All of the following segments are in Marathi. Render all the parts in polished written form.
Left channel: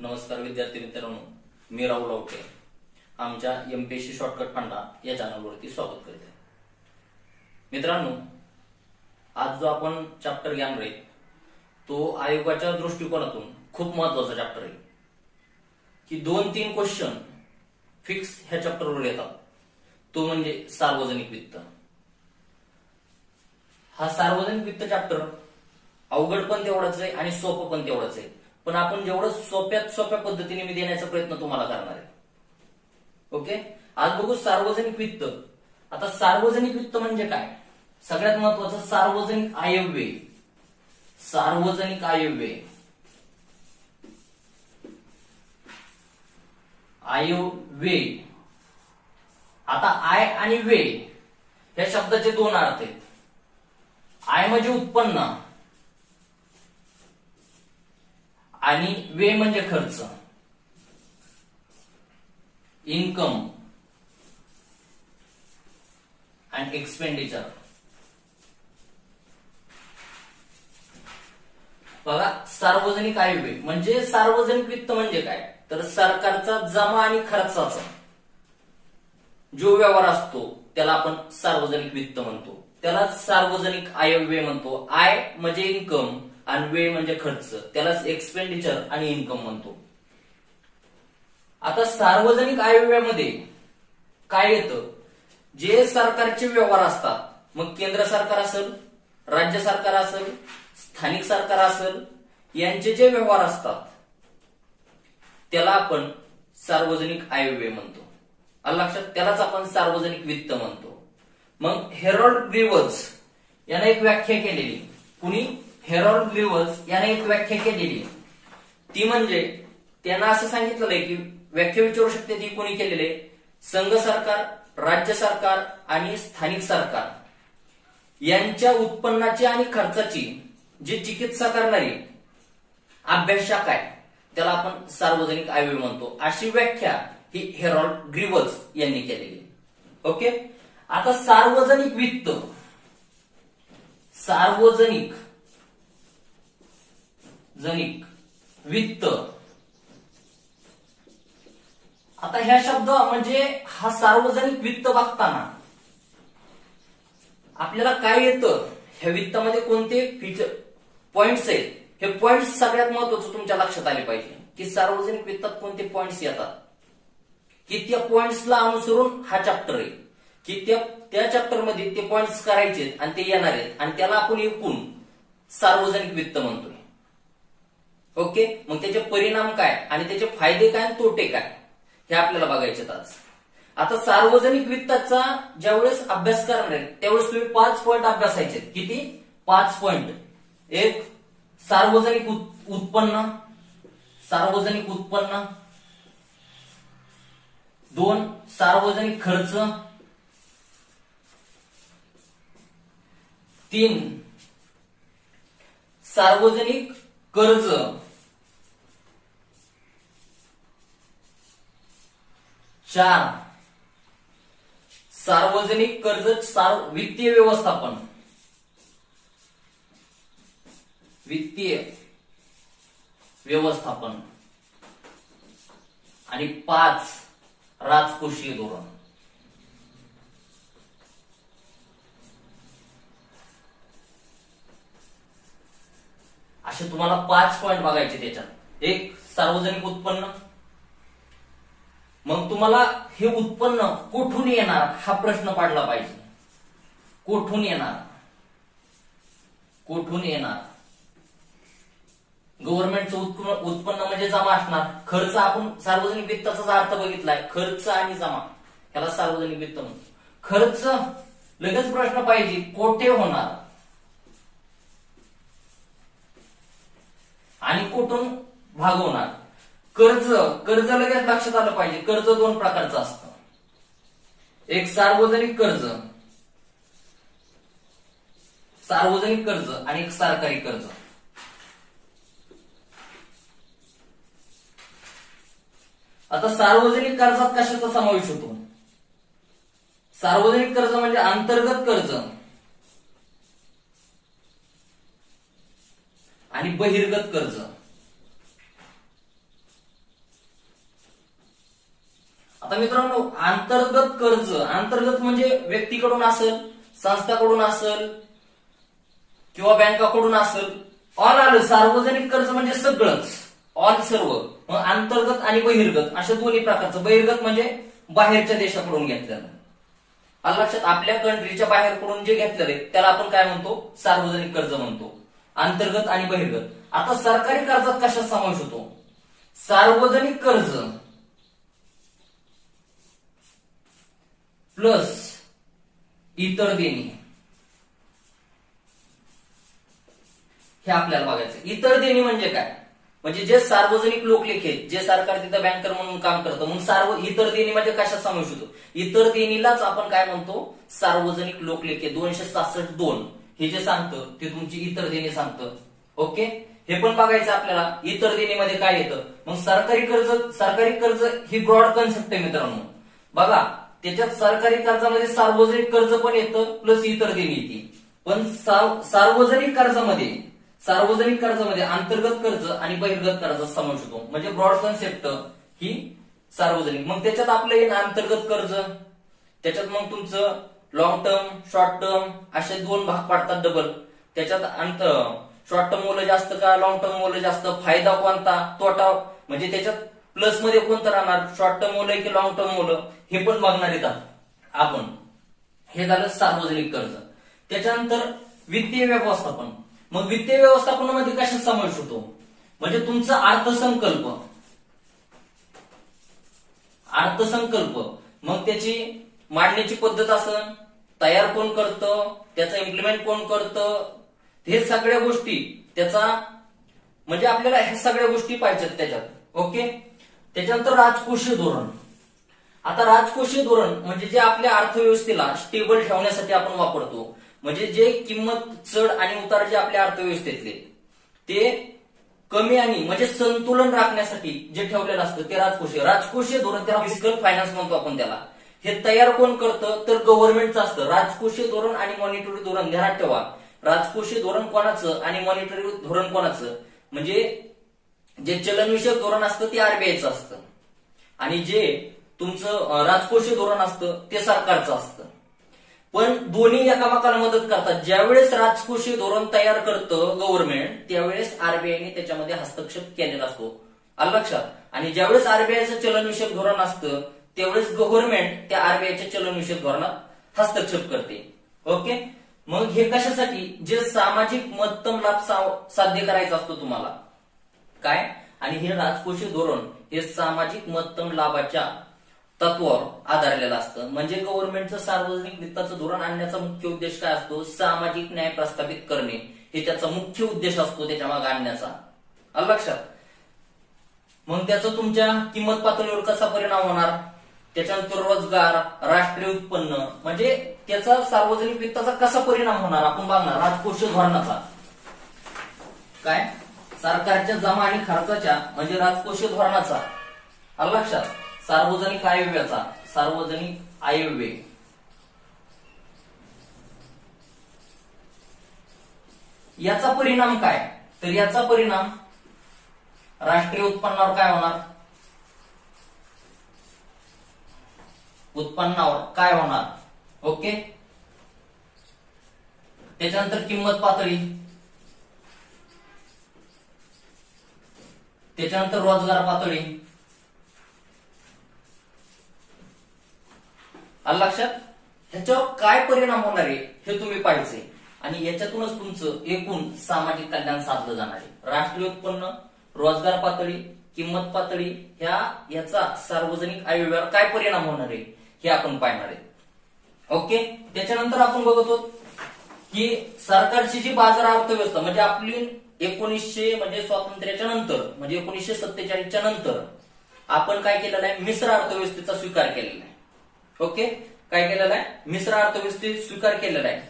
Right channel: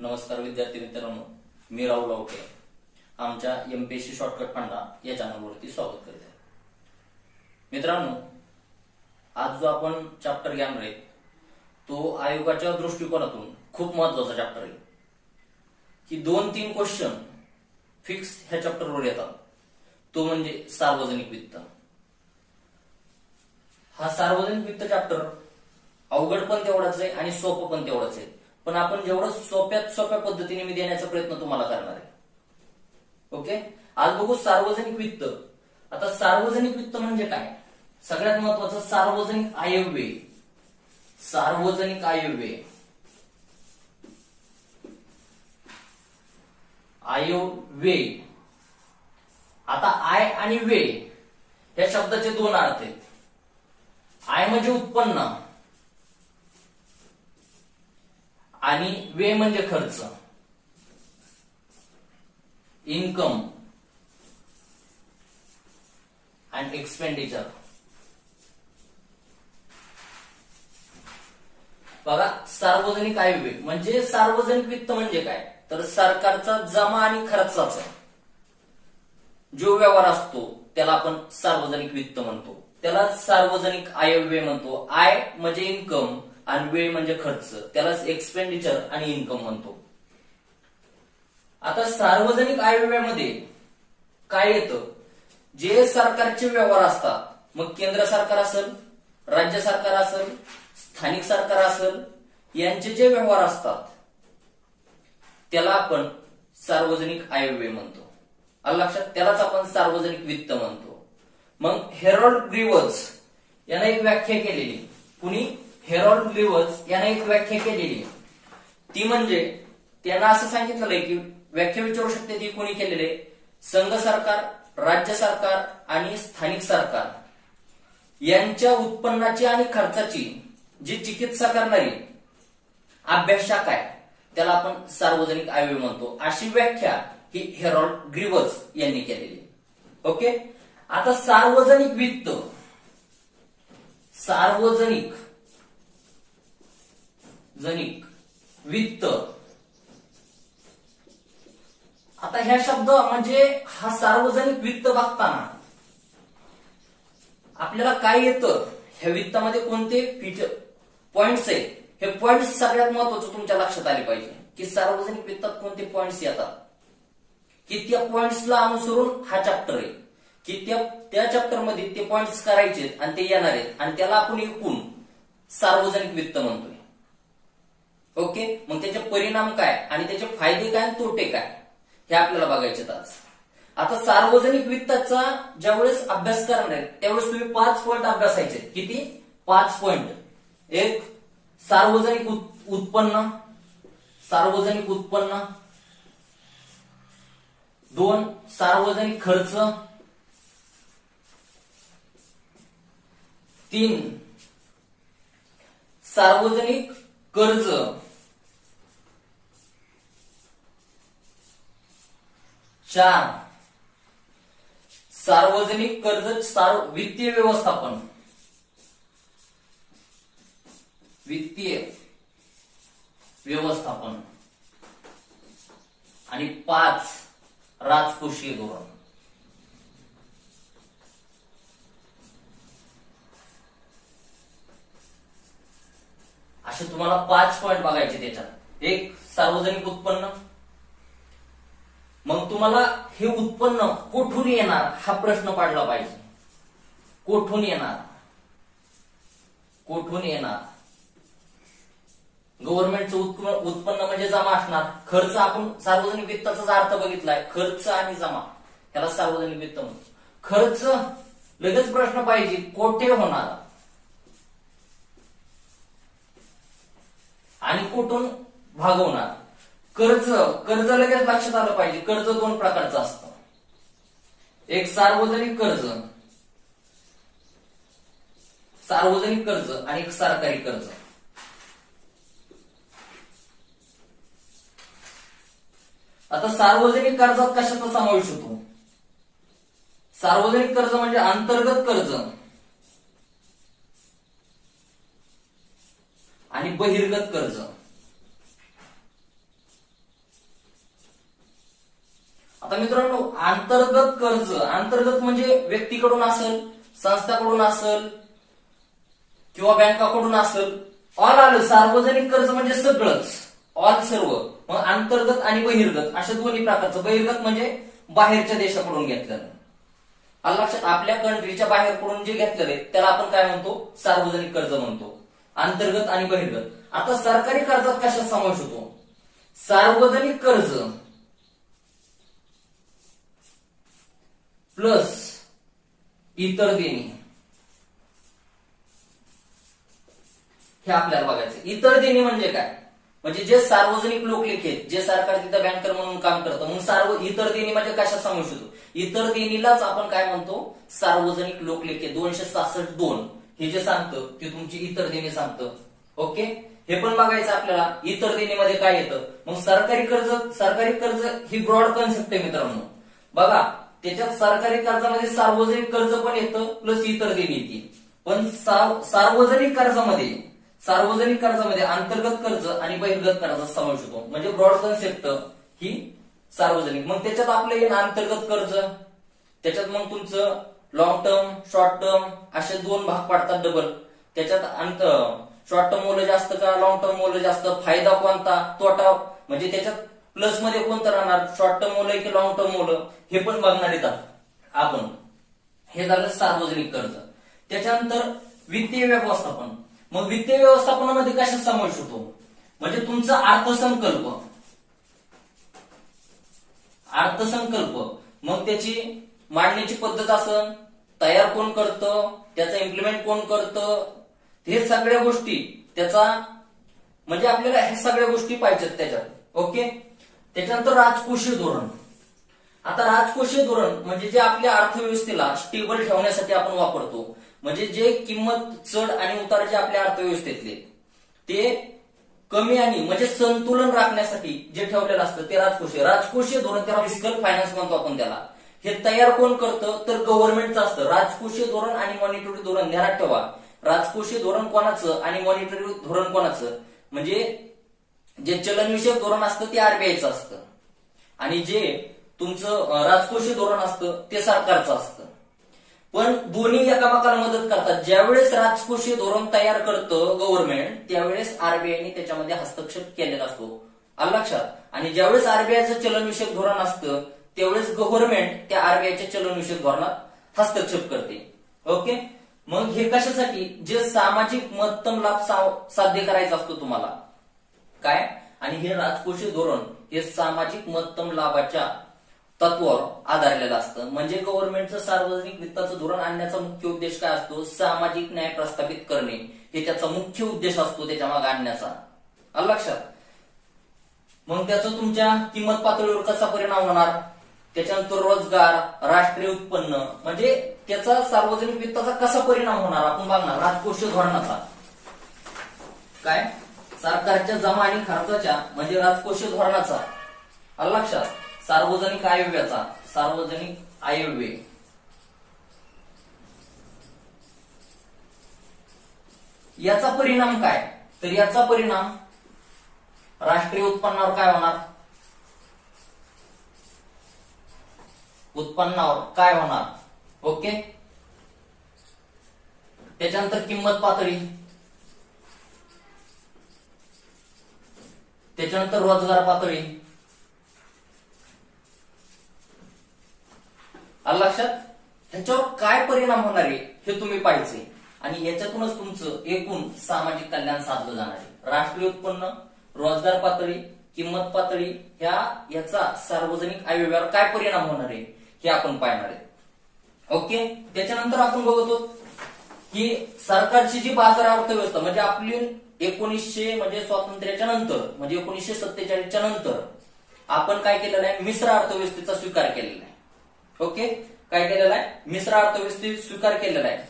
नमस्कार विद्यार्थी मित्रांनो, मी राहुल लवटे आमच्या एमपीएससी शॉर्टकट फंडा या चॅनलवरती स्वागत करत आहे. मित्रांनो, आज जो आपण चॅप्टर घेणार आहे तो आयोगाच्या दृष्टिकोनातून खूप महत्वाचा चॅप्टर आहे की 2-3 क्वेश्चन फिक्स ह्या चॅप्टरवर येतात. तो म्हणजे सार्वजनिक वित्त. हा सार्वजनिक वित्त चॅप्टर अवघड पण तेवढाच आहे आणि सोपं पण तेवढाच आहे, पण आपण जेवढं सोप्यात सोप्या पद्धतीने मी देण्याचा प्रयत्न तुम्हाला करणार आहे. ओके, आज बघू सार्वजनिक वित्त. आता सार्वजनिक वित्त म्हणजे काय? सगळ्यात महत्वाचं सार्वजनिक आयव्यय. सार्वजनिक आयव्यय, आयव्यय. आता आय आणि व्यय या शब्दाचे 2 अर्थ आहेत. आय म्हणजे उत्पन्न आणि व्यय म्हणजे खर्च, इन्कम अँड एक्सपेंडिचर. बघा, सार्वजनिक आयव्यय म्हणजे सार्वजनिक वित्त म्हणजे काय? तर सरकारचा जमा आणि खर्चाचा जो व्यवहार असतो त्याला आपण सार्वजनिक वित्त म्हणतो, त्याला सार्वजनिक आयव्यय म्हणतो. आय म्हणजे इन्कम आणि व्यय म्हणजे खर्च, त्यालाच एक्सपेंडिचर आणि इन्कम म्हणतो. आता सार्वजनिक आयव्ययामध्ये काय येतं? जे सरकारचे व्यवहार असतात, मग केंद्र सरकार असेल, राज्य सरकार असेल, स्थानिक सरकार असेल, यांचे जे व्यवहार असतात त्याला आपण सार्वजनिक आयव्यय म्हणतो. आलं लक्षात? त्यालाच आपण सार्वजनिक वित्त म्हणतो. मग हेरॉल्ड ग्रीव्हज याने एक व्याख्या केलेली. कुणी? हेरॉल्ड ग्रीव्हज याने एक व्याख्या केलेली. ती म्हणजे त्यांना असं सांगितलेलं आहे की व्याख्या विचारू शकते ती कोणी केलेले? संघ सरकार, राज्य सरकार आणि स्थानिक सरकार यांच्या उत्पन्नाची आणि खर्चाची जी चिकित्सा करणारी अभ्यास शाखा आहे त्याला आपण सार्वजनिक आयव्यय म्हणतो. अशी व्याख्या ही हेरॉल्ड ग्रीव्हज यांनी केलेली. ओके, आता सार्वजनिक वित्त, सार्वजनिक वित्त. आता ह्या शब्द म्हणजे हा सार्वजनिक वित्त बघताना आपल्याला काय येतं? ह्या वित्तामध्ये कोणते फीचर पॉइंट्स आहेत? हे पॉइंट्स सगळ्यात महत्वाचं तुमच्या लक्षात आले पाहिजे की सार्वजनिक वित्तात कोणते पॉइंट्स येतात, की त्या पॉइंट्सला अनुसरून हा चॅप्टर आहे की त्या चॅप्टर मध्ये ते पॉइंट्स करायचे आणि ते येणार आहेत आणि त्याला आपण एकूण सार्वजनिक वित्त म्हणतोय. ओके, मग त्याचे परिणाम काय आणि त्याचे फायदे काय आणि तोटे काय हे आपल्याला बघायचे आज. आता सार्वजनिक वित्ताचा ज्यावेळेस अभ्यास करणार आहे त्यावेळेस तुम्ही 5 पॉइंट अभ्यासायचे. किती? 5 पॉइंट. 1. सार्वजनिक उत्पन्न. सार्वजनिक उत्पन्न. 2. सार्वजनिक खर्च. 3. सार्वजनिक कर्ज. 4. सार्वजनिक कर्ज वित्तीय व्यवस्थापन. वित्तीय व्यवस्थापन. आणि 5. राजकोषीय धोरण. असे तुम्हाला 5 पॉइंट बघायचे त्याच्यात. 1. सार्वजनिक उत्पन्न. मग तुम्हाला हे उत्पन्न कुठून येणार हा प्रश्न पडला पाहिजे. कुठून येणार? कुठून येणार? गव्हर्नमेंटचं उत्पन्न म्हणजे जमा असणार. खर्च आपण सार्वजनिक वित्ताचा अर्थ बघितलाय, खर्च आणि जमा, ह्याला सार्वजनिक वित्त म्हणतो. खर्च लगेच प्रश्न पाहिजे, कोठे होणार आणि कुठून भागवणार. कर्ज लगेच लक्षात आलं पाहिजे. कर्ज 2 प्रकारचं असतं. एक सार्वजनिक कर्ज, सार्वजनिक कर्ज आणि एक सरकारी कर्ज. आता सार्वजनिक कर्जात कशाचा समावेश होतो? सार्वजनिक कर्ज म्हणजे अंतर्गत कर्ज आणि बहिर्गत कर्ज. तर मित्रांनो अंतर्गत कर्ज, अंतर्गत म्हणजे व्यक्तीकडून असेल, संस्थाकडून असेल किंवा बँकाकडून असेल, ऑल आलं. सार्वजनिक कर्ज म्हणजे सगळंच, ऑल सर्व. मग अंतर्गत आणि बहिर्गत अशा दोन्ही प्रकारचं. बहिर्गत म्हणजे बाहेरच्या देशाकडून घेतलेलं. आलं लक्षात? आपल्या कंट्रीच्या बाहेरकडून जे घेतलेलं आहे त्याला आपण काय म्हणतो? सार्वजनिक कर्ज म्हणतो. अंतर्गत आणि बहिर्गत. आता सरकारी कर्जात कशात समावेश होतो? सार्वजनिक कर्ज प्लस इतर देणी, हे आपल्याला बघायचं. इतर देणी म्हणजे काय? म्हणजे जे सार्वजनिक लोकलेखी आहेत, जे सरकार तिथं बँकर म्हणून काम करतं. मग इतर देणी म्हणजे कशात समावेश होतो? इतर देणीलाच आपण काय म्हणतो? सार्वजनिक लोकलेखी. 266(2) हे जे सांगतं ते तुमची इतर देणी सांगतं. ओके, हे पण बघायचं आपल्याला. इतर देणीमध्ये काय येतं? मग सरकारी कर्ज, सरकारी कर्ज ही ब्रॉड कन्सेप्ट आहे मित्रांनो. बघा त्याच्यात सरकारी कर्जामध्ये सार्वजनिक कर्ज पण येतं प्लस इतर देणी येते. पण सार्वजनिक कर्जामध्ये अंतर्गत कर्ज आणि बहिर्गत कर्जाचा समावेश होतो. म्हणजे ब्रॉड कन्सेप्ट ही सार्वजनिक. मग त्याच्यात आपलं येईल अंतर्गत कर्ज. त्याच्यात मग तुमचं लॉंग टर्म, शॉर्ट टर्म असे दोन भाग पडतात डबल. त्याच्यात शॉर्ट टर्म मोल जास्त का लॉंग टर्म मोल जास्त, फायदा कोणता, तोटा, म्हणजे त्याच्यात प्लस मध्ये कोणतं राहणार, शॉर्ट टर्म मोल की लॉंग टर्म मोल, हे पण बघणार आहेत आपण. हे झालं सार्वजनिक कर्ज. त्याच्यानंतर वित्तीय व्यवस्थापन. मग वित्तीय व्यवस्थापनामध्ये कशात समावेश होतो? म्हणजे तुमचा अर्थसंकल्प. मग त्याची मांडण्याची पद्धत असेल, तयार कोण करतं, त्याचा इम्प्लिमेंट कोण करतं, हे सगळ्या गोष्टी त्याचा, म्हणजे आपल्याला ह्या सगळ्या गोष्टी पाहिजेत त्याच्यात. ओके. त्याच्यानंतर राजकोषीय धोरण. आता राजकोषीय धोरण म्हणजे जे आपल्या अर्थव्यवस्थेला स्टेबल ठेवण्यासाठी आपण वापरतो. म्हणजे जे किंमत चढ आणि उतार जे आपल्या अर्थव्यवस्थेतले ते कमी आणि म्हणजे संतुलन राखण्यासाठी जे ठेवलेलं असतं ते राजकोषीय धोरण, त्याला फिस्कल फायनान्स म्हणतो आपण त्याला. हे तयार कोण करतं? तर गव्हर्नमेंटचं असतं. राजकोषीय धोरण आणि मॉनिटरी धोरण ध्यानात ठेवा. राजकोषीय धोरण कोणाचं आणि मॉनिटरी धोरण कोणाचं? म्हणजे जे चलनविषयक धोरण असतं ते आरबीआयचं असतं आणि जे तुमचं राजकोषीय धोरण असतं ते सरकारचं असतं. पण दोन्ही एकामेकाला मदत करतात. ज्यावेळेस राजकोषीय धोरण तयार करतं गव्हर्नमेंट, त्यावेळेस आरबीआयने त्याच्यामध्ये हस्तक्षेप केलेला असतो. आलं लक्षात? आणि ज्यावेळेस आरबीआयचं चलनविषयक धोरण असतं त्यावेळेस गव्हर्नमेंट त्या आरबीआयच्या चलनविषयक धोरणात हस्तक्षेप करते. ओके. मग हे कशासाठी? जे सामाजिक महत्तम लाभ साध्य करायचा असतो तुम्हाला काय, आणि हे राजकोषीय धोरण हे सामाजिक महत्तम लाभाच्या तत्वावर आधारलेलं असतं. म्हणजे गव्हर्नमेंटचं सार्वजनिक वित्ताचं धोरण आणण्याचा मुख्य उद्देश काय असतो? सामाजिक न्याय प्रस्थापित करणे हे त्याचा मुख्य उद्देश असतो त्याच्या मागे आणण्याचा. आलं लक्षात? मग त्याचा तुमच्या किंमत पातळीवर कसा परिणाम होणार? त्याच्यानंतर रोजगार, राष्ट्रीय उत्पन्न, म्हणजे त्याचा सार्वजनिक वित्ताचा कसा परिणाम होणार आपण बघणार. राजकोषीय धोरणाचा काय, सरकारच्या जमा आणि खर्चाच्या म्हणजे राजकोषीय धोरणाचा. आलं लक्षात? सार्वजनिक आयव्ययाचा, सार्वजनिक आयव्यय याचा परिणाम काय? तर याचा परिणाम राष्ट्रीय उत्पन्नावर काय होणार? उत्पन्नावर काय होणार? ओके. त्याच्यानंतर किंमत पातळी, त्याच्यानंतर रोजगार पातळी. आलं लक्षात? ह्याच्यावर काय परिणाम होणार आहे हे तुम्ही पाहायचंय आणि याच्यातूनच तुमचं एकूण सामाजिक कल्याण साधलं जाणार आहे. राष्ट्रीय उत्पन्न, रोजगार पातळी, किंमत पातळी याचा सार्वजनिक आयव्ययावर काय परिणाम होणार आहे हे आपण पाहणार आहे. ओके. त्याच्यानंतर आपण बघतो की सरकारची जी बाजार अर्थव्यवस्था म्हणजे आपली 1900 म्हणजे स्वातंत्र्याच्या नंतर म्हणजे 1947च्या नंतर आपण काय केलेलं आहे? मिश्र अर्थव्यवस्थेचा स्वीकार केलेला आहे. ओके. काय केलेलं आहे? मिश्र अर्थव्यवस्थेत स्वीकार केलेला आहे.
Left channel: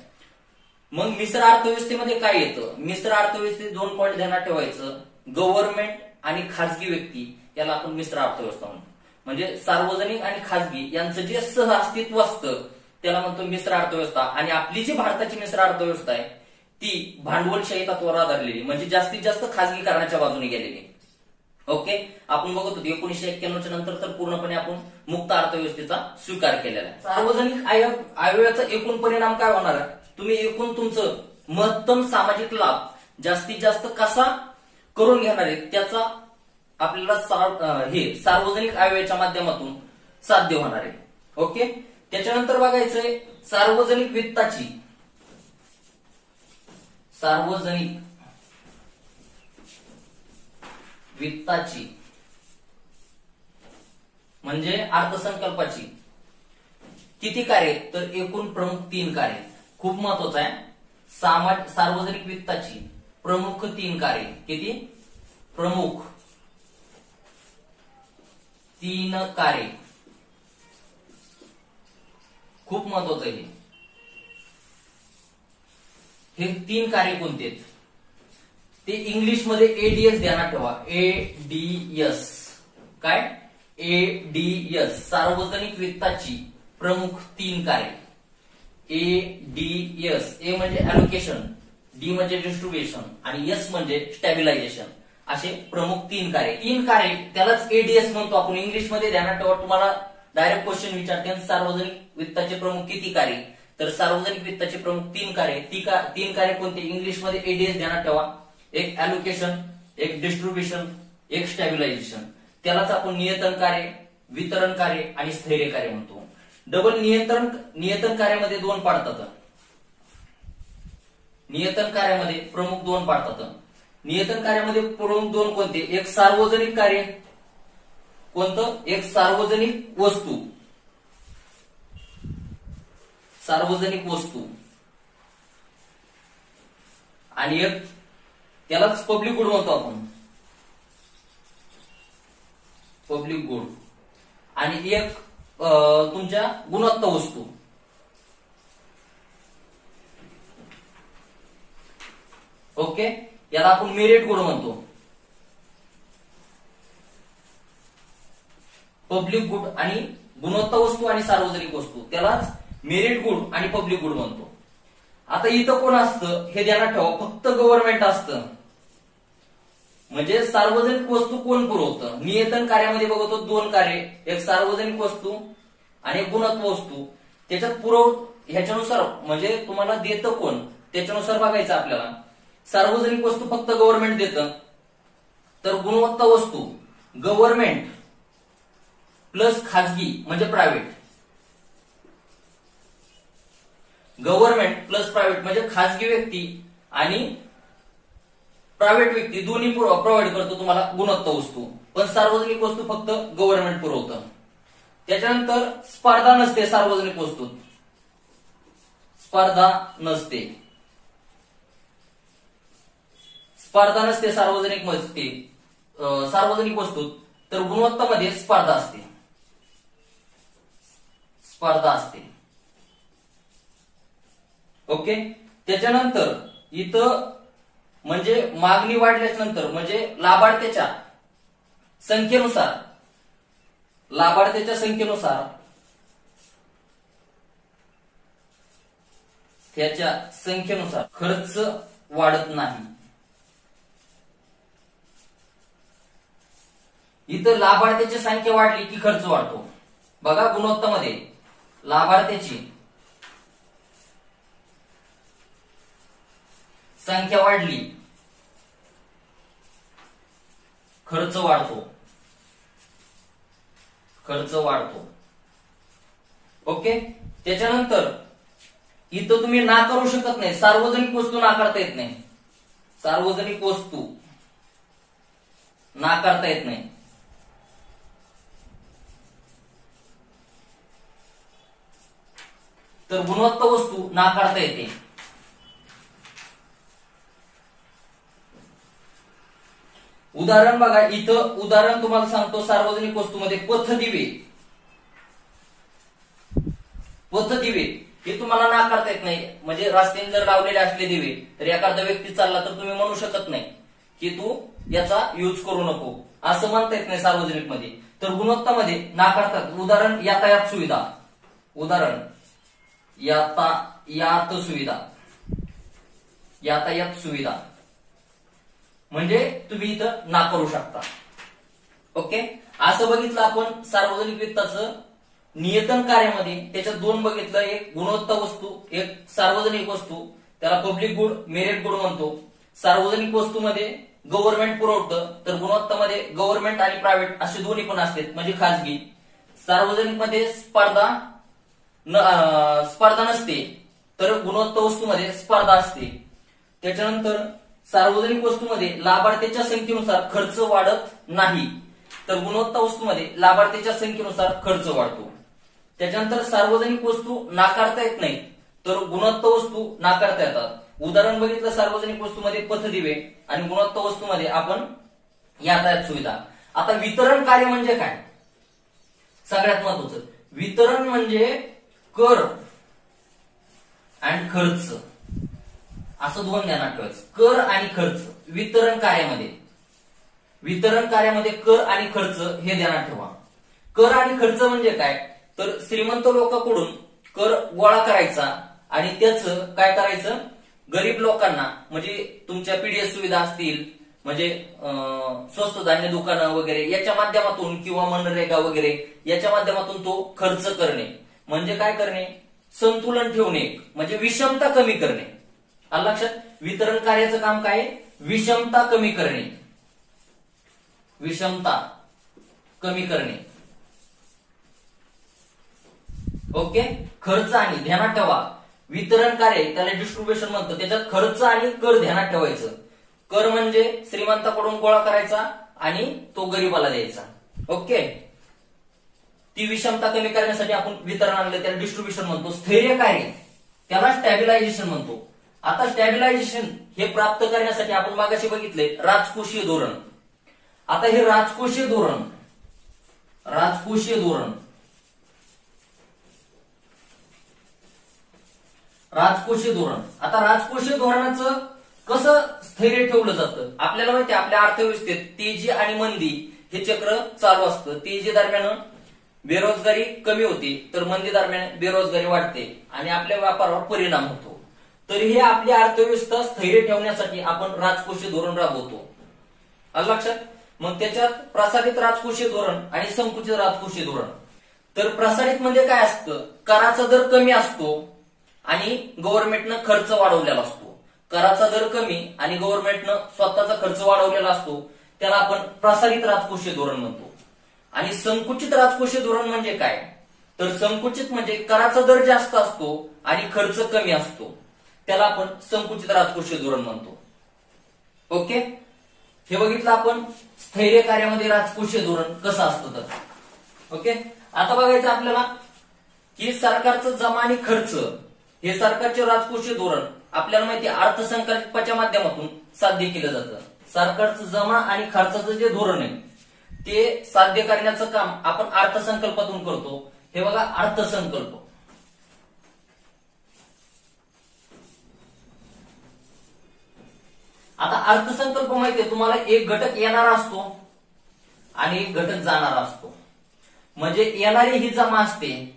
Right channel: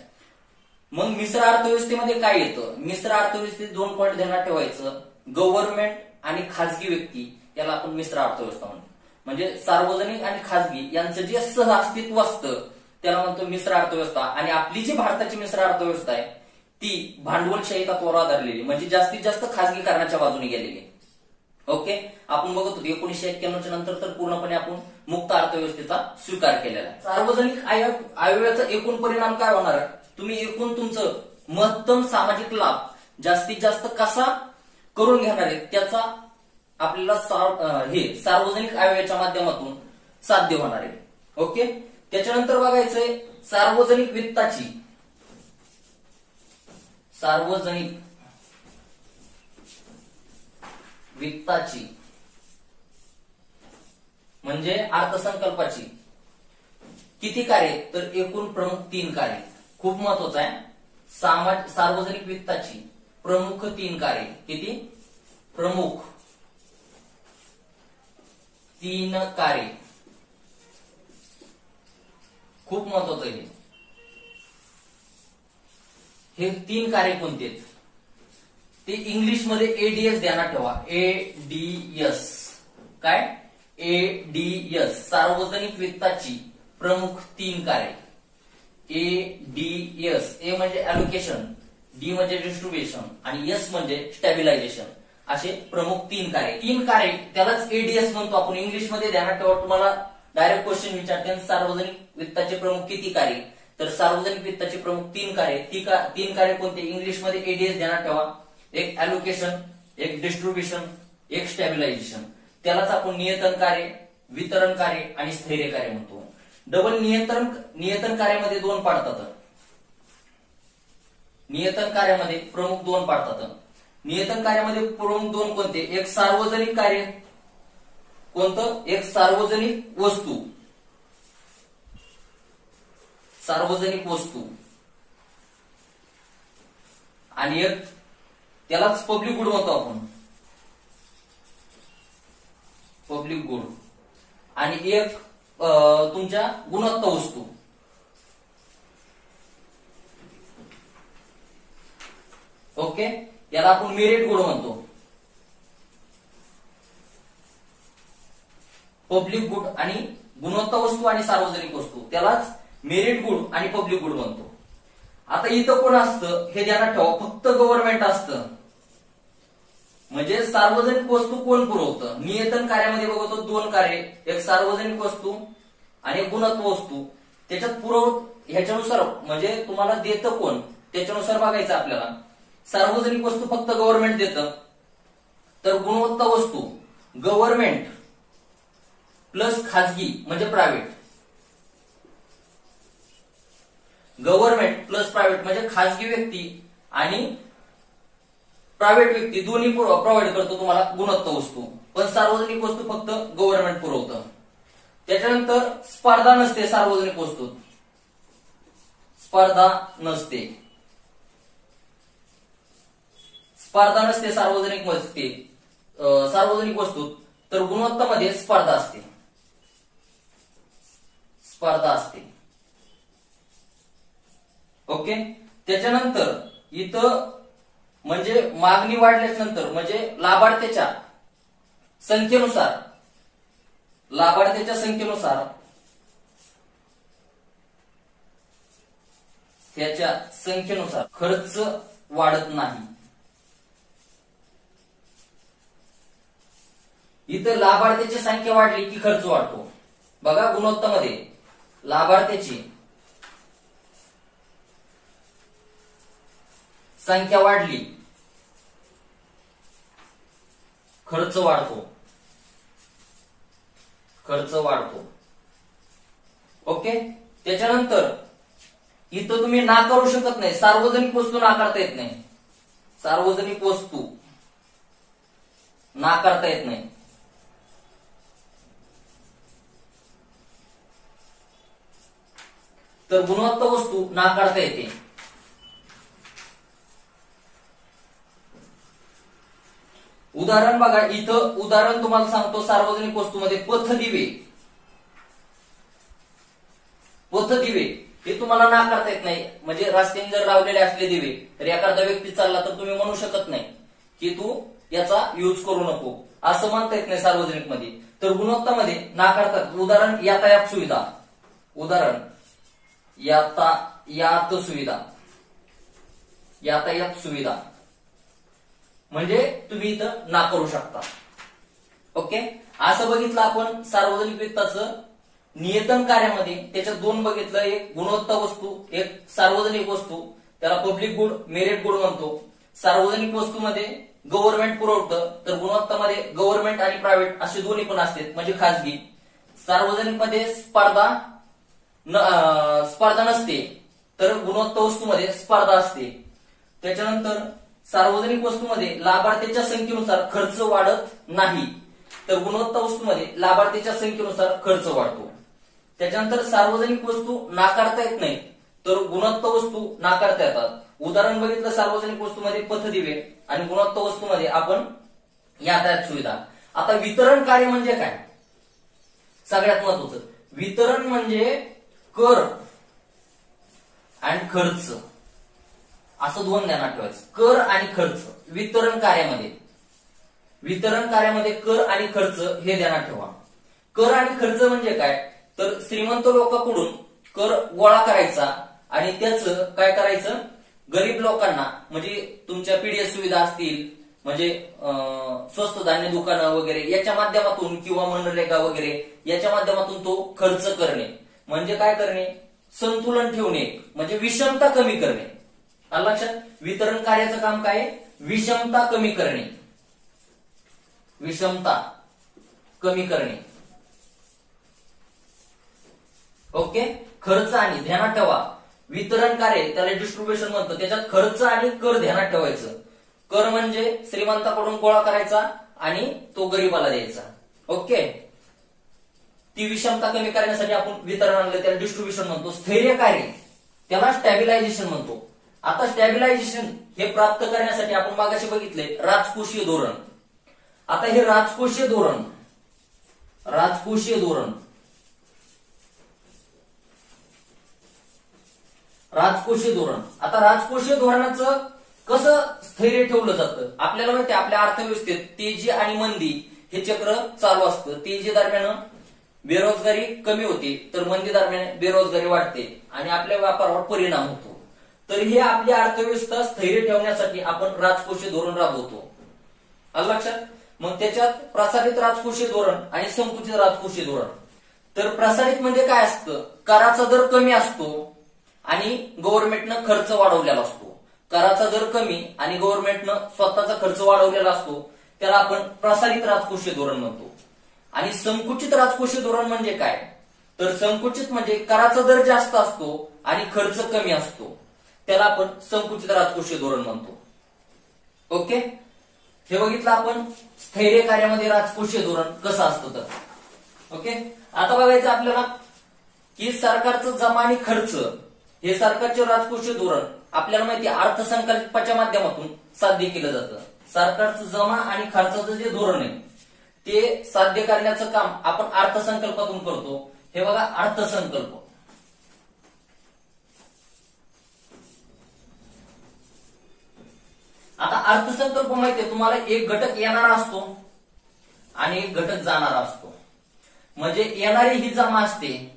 मग मिश्र अर्थव्यवस्थेमध्ये काय येतं? मिश्र अर्थव्यवस्थेत 2 पॉईंट ध्यानात ठेवायचं. गव्हर्नमेंट आणि खासगी व्यक्ती याला आपण मिश्र अर्थव्यवस्था म्हणतो. म्हणजे सार्वजनिक आणि खासगी यांचं जे सह अस्तित्व असतं त्याला म्हणतो मिश्र अर्थव्यवस्था. आणि आपली जी भारताची मिश्र अर्थव्यवस्था आहे ती भांडवलशाही तत्वावर आधारलेली म्हणजे जास्तीत जास्त खासगीकरणाच्या बाजूने गेलेली. ओके, आपण बघत होतो 1991च्या नंतर तर पूर्णपणे आपण मुक्त अर्थव्यवस्थेचा स्वीकार केलेला आहे. सार्वजनिक आयव्ययाचा एकूण परिणाम काय होणार आहे? तुम्ही एकूण तुमचं महत्तम सामाजिक लाभ जास्तीत जास्त कसा करून घेणार आहे त्याचा आपल्याला हे सार्वजनिक आयव्ययाच्या माध्यमातून साध्य होणार आहे. ओके, त्याच्यानंतर बघायचंय सार्वजनिक वित्ताची म्हणजे अर्थसंकल्पाची किती कार्य? तर एकूण प्रमुख 3 कार्य. खूप महत्वाचं आहे. सार्वजनिक वित्ताची प्रमुख 3 कार्य. किती? प्रमुख 3 कार्य. खूप महत्वाचं आहे हे 3 कार्य कोणते आहेत ते इंग्लिश मध्ये एडीएस ध्यानात ठेवा. एडीएस काय? एडीएस सार्वजनिक वित्ताची प्रमुख 3 कार्य. एडीएस. ए म्हणजे अलोकेशन, डी म्हणजे डिस्ट्रीब्युशन आणि एस म्हणजे स्टॅबिलायझेशन. असे प्रमुख 3 कार्य. 3 कार्य त्यालाच एडीएस म्हणतो आपण इंग्लिश मध्ये. ध्यानात ठेवा, तुम्हाला डायरेक्ट क्वेश्चन विचारते सार्वजनिक वित्ताचे प्रमुख किती कार्य? तर सार्वजनिक वित्ताचे प्रमुख 3 कार्य. 3 कार्य कोणते? इंग्लिश मध्ये एडीएस ध्यानात ठेवा. एक अलोकेशन, एक डिस्ट्रीब्युशन, एक स्टॅबिलायझेशन. त्यालाच आपण नियंत्रण कार्य, वितरण कार्य आणि स्थैर्य कार्य म्हणतो. डबल नियंत्रण कार्यामध्ये 2 पाडतात. नियंत्रण कार्यामध्ये प्रमुख 2 पाडतात. नियंत्रण कार्यामध्ये प्रमुख 2 कोणते? एक सार्वजनिक कार्य. कोणतं? एक सार्वजनिक वस्तू. सार्वजनिक वस्तू आणि एक त्यालाच पब्लिक गुड म्हणतो आपण. पब्लिक गुड आणि एक तुमच्या गुणवत्ता वस्तू. ओके, याला आपण मेरिट गुड म्हणतो. पब्लिक गुड आणि गुणवत्ता वस्तू आणि सार्वजनिक वस्तू त्यालाच मेरिट गुड आणि पब्लिक गुड म्हणतो. आता इथं कोण असतं हे ध्यानात ठेवा. फक्त गव्हर्नमेंट असतं. म्हणजे सार्वजनिक वस्तू कोण पुरवतं? नियंत्रण कार्यामध्ये बघतो 2 कार्य. एक सार्वजनिक वस्तू आणि एक गुणवत्ता वस्तू. त्याच्यात ह्याच्यानुसार म्हणजे तुम्हाला देतं कोण त्याच्यानुसार बघायचं आपल्याला. सार्वजनिक वस्तू फक्त गव्हर्नमेंट देतं, तर गुणवत्ता वस्तू गव्हर्नमेंट प्लस खाजगी म्हणजे प्रायव्हेट. गव्हर्नमेंट प्लस प्रायव्हेट म्हणजे खाजगी व्यक्ती आणि प्रायव्हेट व्यक्ती दोन्ही प्रोव्हाइड करतो तुम्हाला गुणवत्ता वस्तू. पण सार्वजनिक वस्तू फक्त गव्हर्नमेंट पुरवतं. त्याच्यानंतर स्पर्धा नसते सार्वजनिक वस्तूत. स्पर्धा नसते सार्वजनिक वस्तूत. तर गुणवत्तामध्ये स्पर्धा असते. ओके, त्याच्यानंतर इथं म्हणजे मागणी वाढल्याच्या नंतर म्हणजे लाभार्थ्याच्या संख्येनुसार त्याच्या संख्येनुसार खर्च वाढत नाही. इथं लाभार्थ्याची संख्या वाढली की खर्च वाढतो. बघा, गुणवत्तामध्ये लाभार्थ्याची संख्या वाढली खर्च वाढतो. ओके, त्याच्यानंतर इथं तुम्ही नाकारू शकत नाही. सार्वजनिक वस्तू नाकारता येत नाही. सार्वजनिक वस्तू नाकारता येत नाही. तर गुणवत्ता वस्तू नाकारता येते. उदाहरण बघा, इथं उदाहरण तुम्हाला सांगतो. सार्वजनिक वस्तूमध्ये पथदिवे हे तुम्हाला नाकारता येत नाही. म्हणजे रस्त्याने जर लावलेले असले दिवे तर एखादा व्यक्ती चालला तर तुम्ही म्हणू शकत नाही की तू याचा यूज करू नको, असं म्हणता येत नाही सार्वजनिक मध्ये. तर गुणवत्तामध्ये नाकारतात. उदाहरण यातायात सुविधा म्हणजे तुम्ही इथं नाकारू शकता. ओके, असं बघितलं आपण सार्वजनिक वित्ताचं नियतन कार्यामध्ये. त्याच्यात दोन बघितलं, एक गुणवत्ता वस्तू, एक सार्वजनिक वस्तू. त्याला पब्लिक गुड, मेरिट गुड म्हणतो. सार्वजनिक वस्तूमध्ये गव्हर्नमेंट पुरवठं, तर गुणवत्तामध्ये गव्हर्नमेंट आणि प्रायव्हेट असे दोन्ही पण असतात, म्हणजे खासगी. सार्वजनिक मध्ये स्पर्धा नसते, तर गुणवत्ता वस्तूमध्ये स्पर्धा असते. त्याच्यानंतर सार्वजनिक वस्तूमध्ये लाभार्थ्याच्या संख्येनुसार खर्च वाढत नाही, तर गुणवत्ता वस्तूमध्ये लाभार्थ्याच्या संख्येनुसार खर्च वाढतो. त्याच्यानंतर सार्वजनिक वस्तू नाकारता येत नाही, तर गुणवत्ता वस्तू नाकारता येतात. उदाहरण बघितलं सार्वजनिक वस्तूमध्ये पथदिवे आणि गुणवत्ता वस्तूमध्ये आपण यातायात सुविधा. आता वितरण कार्य म्हणजे काय? सगळ्यात महत्वाचं, वितरण म्हणजे कर आणि खर्च, असं दोन ध्यानात ठेवायचं. कर आणि खर्च वितरण कार्यामध्ये कर आणि खर्च हे ध्यानात ठेवा. कर आणि खर्च म्हणजे काय? तर श्रीमंत लोकांकडून कर गोळा करायचा आणि त्याचं काय करायचं, गरीब लोकांना, म्हणजे तुमच्या पीडीएस सुविधा असतील, म्हणजे स्वस्त धान्य दुकानं वगैरे याच्या माध्यमातून किंवा मनरेगा वगैरे याच्या माध्यमातून तो खर्च करणे. म्हणजे काय करणे? संतुलन ठेवणे, म्हणजे विषमता कमी करणे. आलं लक्षात? वितरण कार्याचं काम काय? विषमता कमी करणे. विषमता कमी करणे. ओके, खर्च आणि ध्यानात ठेवा, वितरण कार्य त्याला डिस्ट्रीब्युशन म्हणतो. त्याच्यात खर्च आणि कर ध्यानात ठेवायचं. कर म्हणजे श्रीमंताकडून गोळा करायचा आणि तो गरीबाला द्यायचा. ओके, ती विषमता कमी करण्यासाठी आपण वितरण आणलं, त्याला डिस्ट्रीब्युशन म्हणतो. स्थैर्य कार्य त्याला स्टॅबिलायझेशन म्हणतो. आता स्टॅबिलायझेशन हे प्राप्त करण्यासाठी आपण मागाशी बघितले राजकोषीय धोरण. आता हे राजकोषीय धोरण आता राजकोषीय धोरणाचं कसं स्थैर्य ठेवलं जातं? आपल्याला माहिती आहे, आपल्या अर्थव्यवस्थेत तेजी आणि मंदी हे चक्र चालू असतं. तेजी दरम्यान बेरोजगारी कमी होते, तर मंदी दरम्यान बेरोजगारी वाढते आणि आपल्या व्यापारावर परिणाम होतो. तर हे आपली अर्थव्यवस्था स्थैर्य ठेवण्यासाठी आपण राजकोषीय धोरण राबवतो. आलं लक्षात? मग त्याच्यात प्रसारित राजकोषीय धोरण आणि संकुचित राजकोषीय धोरण. तर प्रसारित म्हणजे काय असतं? कराचा दर कमी असतो आणि गव्हर्नमेंटनं खर्च वाढवलेला असतो. कराचा दर कमी आणि गव्हर्नमेंटनं स्वतःचा खर्च वाढवलेला असतो, त्याला आपण प्रसारित राजकोषीय धोरण म्हणतो. आणि संकुचित राजकोषीय धोरण म्हणजे काय? तर संकुचित म्हणजे कराचा दर जास्त असतो आणि खर्च कमी असतो, त्याला आपण संकुचित राजकोषीय धोरण म्हणतो. ओके, हे बघितलं आपण स्थैर्य कार्यामध्ये राजकोषीय धोरण कसं असतं तर. ओके, आता बघायचं आपल्याला की सरकारचं जमा आणि खर्च हे सरकारचे राजकोषीय धोरण आपल्याला माहिती अर्थसंकल्पाच्या माध्यमातून साध्य केलं जातं. सरकारचं जमा आणि खर्चाचं जे धोरण आहे ते साध्य करण्याचं काम आपण अर्थसंकल्पातून करतो. हे बघा, अर्थसंकल्प. आता अर्थसंकल्प माहितीये तुम्हाला, एक घटक येणारा असतो आणि एक घटक जाणारा असतो. म्हणजे येणारी ही जमा असते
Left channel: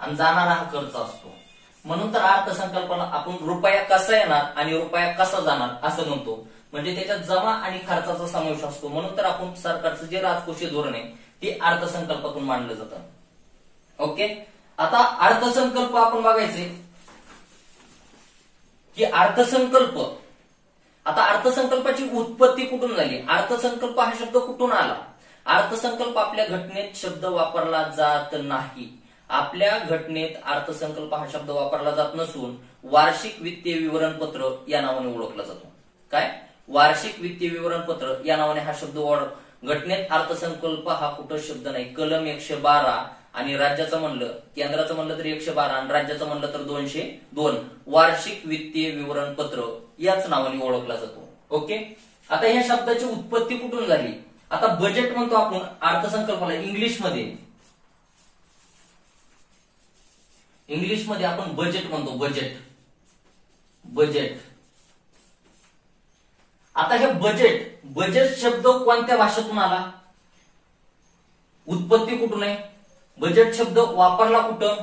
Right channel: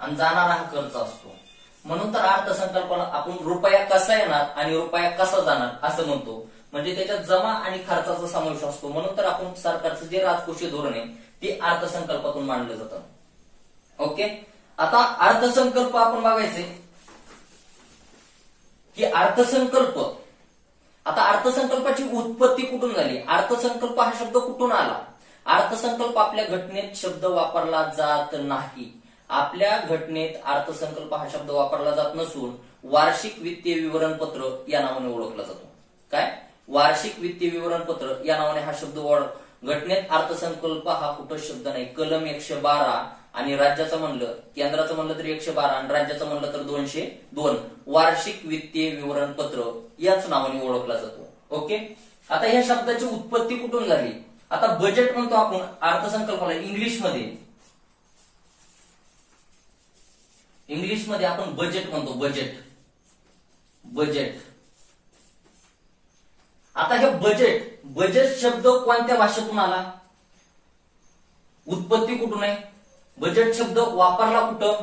आणि जाणारा हा खर्च असतो. म्हणून तर अर्थसंकल्पाला आपण रुपया कसा येणार आणि रुपया कसा जाणार असं म्हणतो. म्हणजे त्याच्यात जमा आणि खर्चाचा समावेश असतो. म्हणून तर आपण सरकारचं जे राजकोषीय धोरण आहे ते अर्थसंकल्पातून मांडलं जातं. ओके, आता अर्थसंकल्प आपण बघायचे की अर्थसंकल्प, आता अर्थसंकल्पाची उत्पत्ती कुठून झाली? अर्थसंकल्प हा शब्द कुठून आला? अर्थसंकल्प आपल्या घटनेत शब्द वापरला जात नाही. आपल्या घटनेत अर्थसंकल्प हा शब्द वापरला जात नसून वार्षिक वित्तीय विवरणपत्र या नावाने ओळखला जातो. काय? वार्षिक वित्तीय विवरणपत्र या नावाने हा शब्द घटनेत अर्थसंकल्प हा कुठं शब्द नाही. कलम 112 आणि राज्याचं म्हणलं, केंद्राचं म्हणलं तर 112 आणि राज्याचं म्हणलं तर 202 वार्षिक वित्तीय विवरणपत्र याच नावाने ओळखला जातो. ओके, आता ह्या शब्दाची उत्पत्ती कुठून झाली? आता बजेट म्हणतो आपण अर्थसंकल्पाला इंग्लिशमध्ये आपण बजेट म्हणतो. बजेट. आता हे बजेट शब्द कोणत्या भाषेतून आला? उत्पत्ती कुठून आहे? बजेट शब्द वापरला कुठं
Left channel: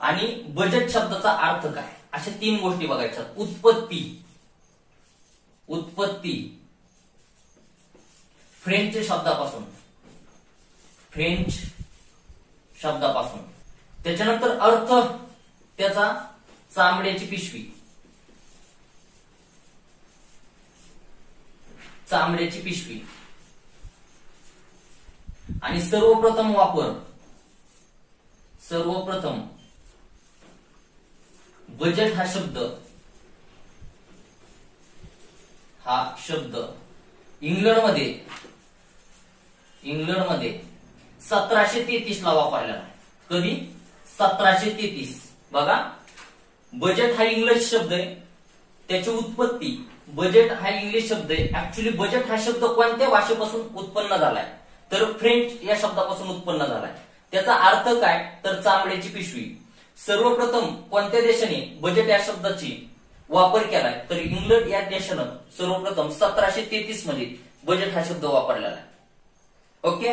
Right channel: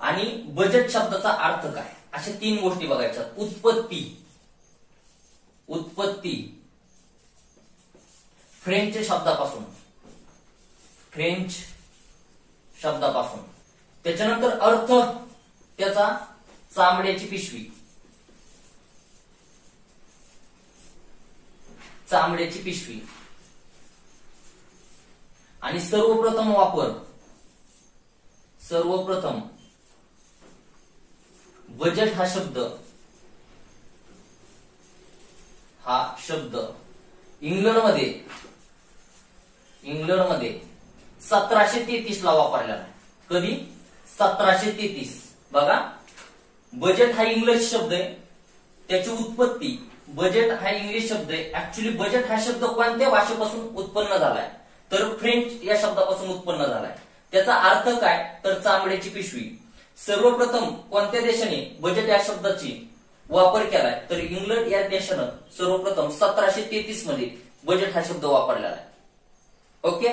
आणि बजेट शब्दाचा अर्थ काय, अशा तीन गोष्टी बघायच्या. उत्पत्ती फ्रेंच शब्दापासून, फ्रेंच शब्दापासून. त्याच्यानंतर अर्थ त्याचा चामड्याची पिशवी, चामड्याची पिशवी. आणि सर्वप्रथम वापर, सर्वप्रथम बजेट हा शब्द, हा शब्द इंग्लंडमध्ये 1733 ला वापरलेला आहे. कधी? 1733. बघा, बजेट हा इंग्लिश शब्द आहे, त्याची उत्पत्ती, बजेट हा इंग्लिश शब्द आहे. ऍक्च्युली बजेट हा शब्द कोणत्या भाषेपासून उत्पन्न झालाय? तर फ्रेंच या शब्दापासून उत्पन्न झालाय. त्याचा अर्थ काय? तर चामड्याची पिशवी. सर्वप्रथम कोणत्या देशाने बजेट या शब्दाची वापर केलाय? तर इंग्लंड या देशानं सर्वप्रथम 1733 मध्ये बजेट हा शब्द वापरलेला आहे. ओके.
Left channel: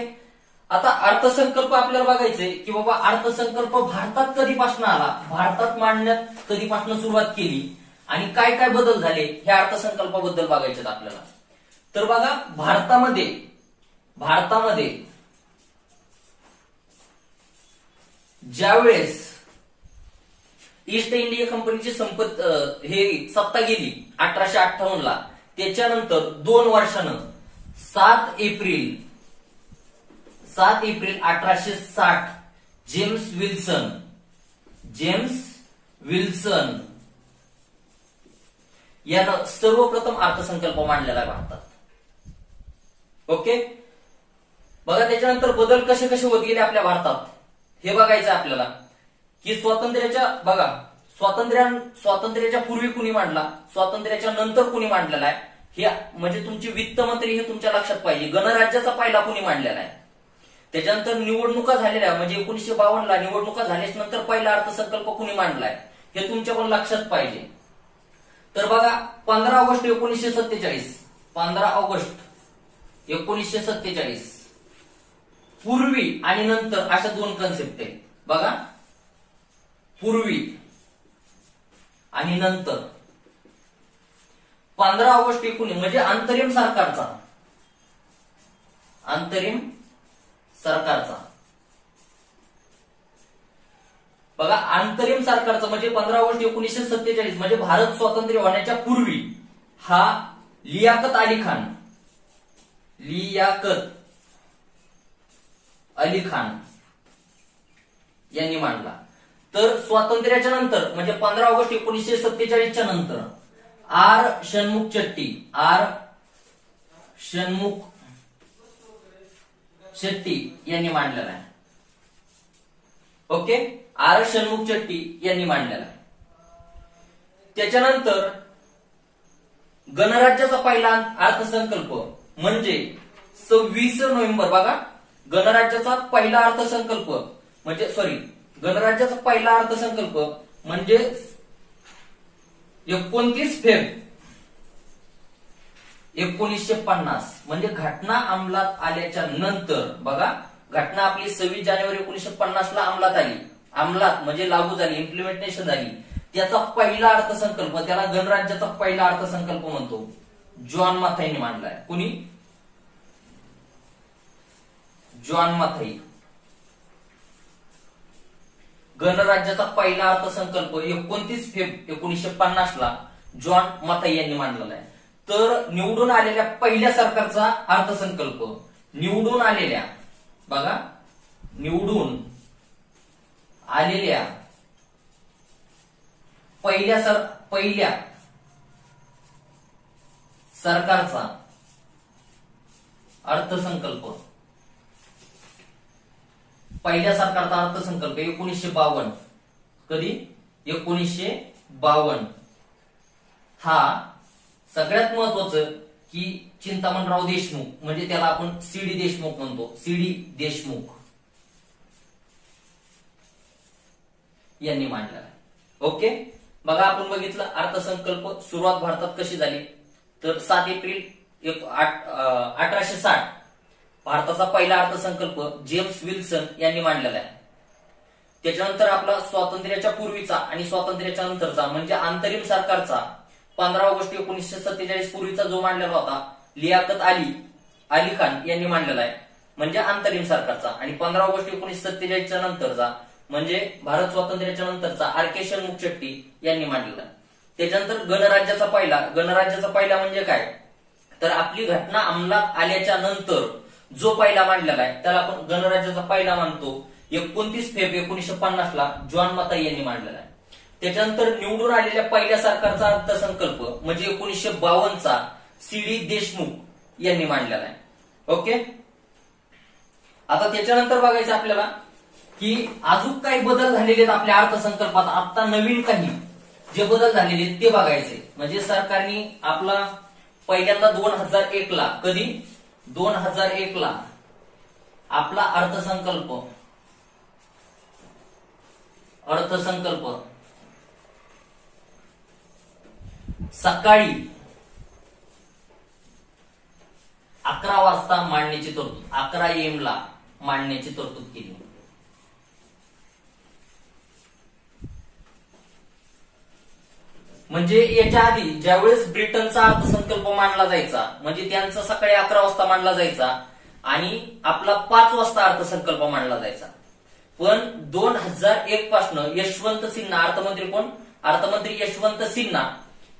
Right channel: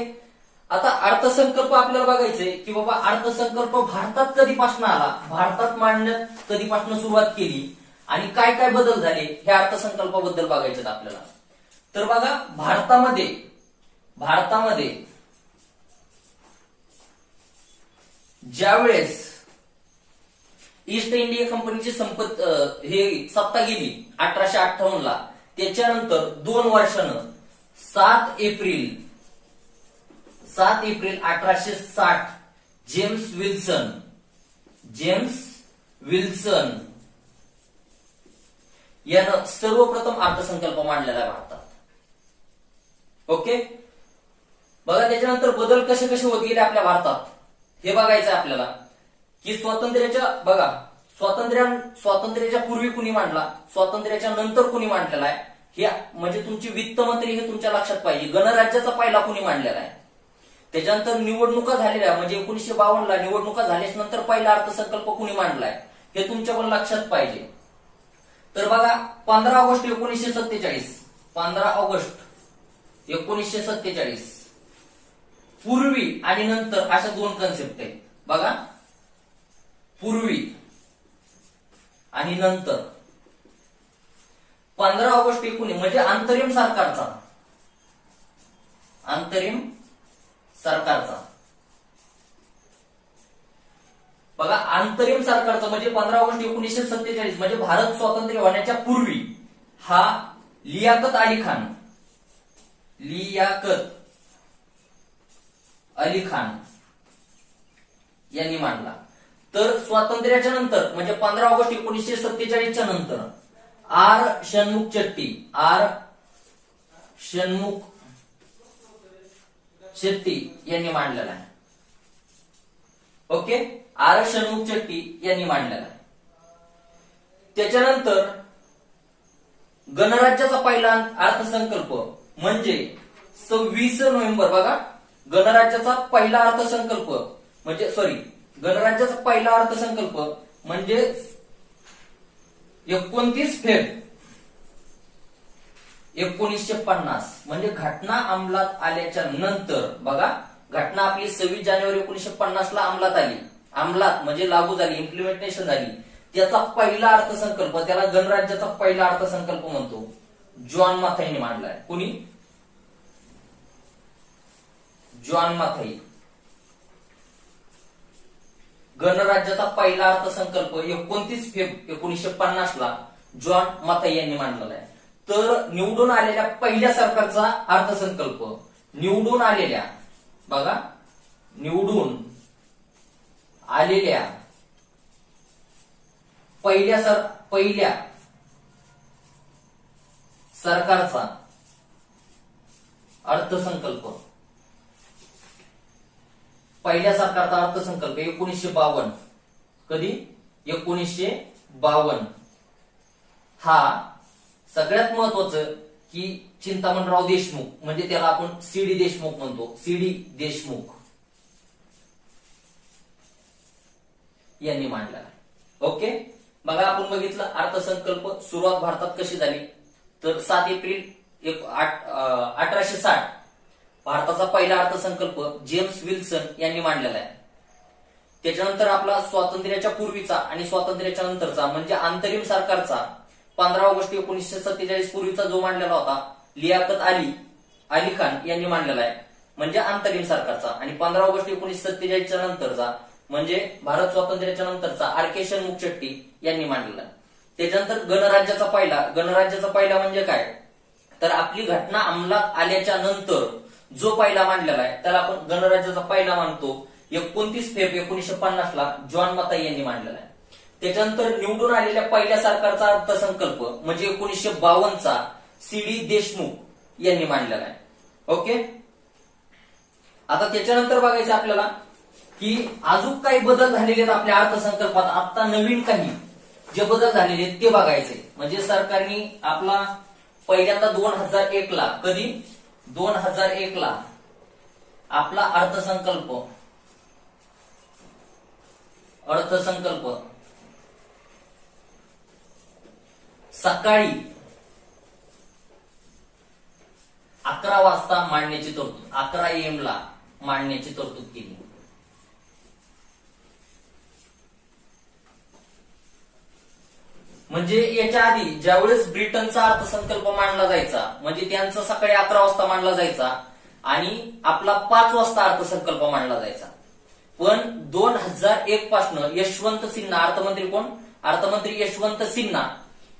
आता अर्थसंकल्प आपल्याला बघायचंय की बाबा अर्थसंकल्प भारतात कधीपासून आला, भारतात मांडण्यात कधीपासून सुरुवात केली आणि काय काय बदल झाले हे अर्थसंकल्पाबद्दल बघायचे आपल्याला. तर बघा, भारतामध्ये ज्यावेळेस ईस्ट इंडिया कंपनीची सत्ता गेली 1858 ला, त्याच्यानंतर 2 वर्षानं 7 एप्रिल 1860 जेम्स विल्सन यानं सर्वप्रथम अर्थसंकल्प मांडलेला आहे भारतात. ओके. बघा, त्याच्यानंतर बदल कसे कसे होत गेले आपल्या भारतात हे बघायचं आपल्याला. की स्वातंत्र्याच्या पूर्वी कुणी मांडला, स्वातंत्र्याच्या नंतर कुणी मांडलेला आहे, हे म्हणजे तुमची वित्त मंत्री हे तुमच्या लक्षात पाहिजे. गणराज्याचा पहिला कुणी मांडलेला आहे. त्याच्यानंतर निवडणुका झालेल्या, म्हणजे 1952 ला निवडणुका झाल्याच नंतर पहिला अर्थसंकल्प कुणी मांडलाय हे तुमच्या पण लक्षात पाहिजे. तर बघा, 15 ऑगस्ट 1947 पूर्वी आणि नंतर अशा 2 कन्सेप्ट आहेत. बघा, पूर्वी आणि नंतर. 15 ऑगस्ट 19 म्हणजे अंतरिम सरकारचा. बघा, अंतरिम सरकारचा म्हणजे 15 ऑगस्ट 1947 म्हणजे भारत स्वातंत्र्य होण्याच्या पूर्वी हा लियाकत अली खान यांनी मांडला. तर स्वातंत्र्याच्या नंतर म्हणजे 15 ऑगस्ट 1947 नंतर आर षण्मुख शेट्टी यांनी मांडलेला आहे. ओके. आर षण्मुख शेट्टी यांनी मांडलेला आहे. त्याच्यानंतर गणराज्याचा पहिला अर्थसंकल्प म्हणजे 26 नोव्हेंबर. बघा, गणराज्याचा पहिला अर्थसंकल्प म्हणजे 29 फेब्रुवारी 1950 म्हणजे घटना अंमलात आल्याच्या नंतर. बघा, घटना आपली 26 जानेवारी 1950 ला अंमलात म्हणजे लागू झाली, इम्प्लिमेंटेशन झाली. त्याचा पहिला अर्थसंकल्प, त्याला गणराज्याचा पहिला अर्थसंकल्प म्हणतो, जॉन मथाईने मांडलाय. कुणी? जॉन मथाई. गणराज्याचा पहिला अर्थसंकल्प 29 फेब्रुवारी 1950 ला जॉन मथाई यांनी मांडलेला आहे. तर निवडून आलेल्या पहिल्या सरकारचा अर्थसंकल्प, निवडून आलेल्या पहिल्या सरकारचा अर्थसंकल्प, 1952. कधी? 1952. हा सगळ्यात महत्वाचं की चिंतामणराव देशमुख म्हणजे त्याला आपण सीडी देशमुख म्हणतो, सीडी देशमुख यांनी मांडला. ओके. बघा, आपण बघितलं अर्थसंकल्प सुरुवात भारतात कशी झाली. तर 7 एप्रिल 1860 भारताचा पहिला अर्थसंकल्प जेम्स विल्सन यांनी मांडलेला आहे. त्याच्यानंतर आपला स्वातंत्र्याच्या पूर्वीचा आणि स्वातंत्र्याच्या नंतरचा म्हणजे अंतरिम सरकारचा 15 ऑगस्ट 1947 पूर्वीचा जो मांडलेला होता लियाकत अली अली खान यांनी मांडलेला आहे, म्हणजे अंतरिम सरकारचा. आणि 15 ऑगस्ट 1947च्या नंतरचा म्हणजे भारत स्वातंत्र्याच्या नंतरचा आर के शनमुगचेट्टी यांनी मांडलेला आहे. त्याच्यानंतर गणराज्याचा पहिला म्हणजे काय, तर आपली घटना अंमलात आल्याच्या नंतर जो पहिला मांडलेला आहे त्याला आपण गणराज्याचा पहिला मानतो. 29 फेब्रुवारी 1950ला जॉन मताई यांनी मांडलेला आहे. त्याच्यानंतर निवडून आलेल्या पहिल्या सरकारचा अर्थसंकल्प म्हणजे 1952चा सी डी देशमुख यांनी मांडलेला आहे. ओके, आता त्याच्यानंतर बघायचं आपल्याला की अजून काही बदल झालेले आहेत आपल्या अर्थसंकल्पात. आता नवीन काही जे बदल झालेले आहेत ते बघायचे. म्हणजे सरकारने आपला पहिल्यांदा 2001 ला, कधी 2001 ला आपला अर्थसंकल्प सकाळी 11 वाजता मांडण्याची तरतूद, 11 AM ला मांडण्याची तरतूद केली. म्हणजे याच्या आधी ज्यावेळेस ब्रिटनचा अर्थसंकल्प मांडला जायचा म्हणजे त्यांचा सकाळी 11 वाजता मांडला जायचा आणि आपला 5 वाजता अर्थसंकल्प मांडला जायचा. पण 2001 पासून यशवंत सिन्हा, अर्थमंत्री यशवंत सिन्हा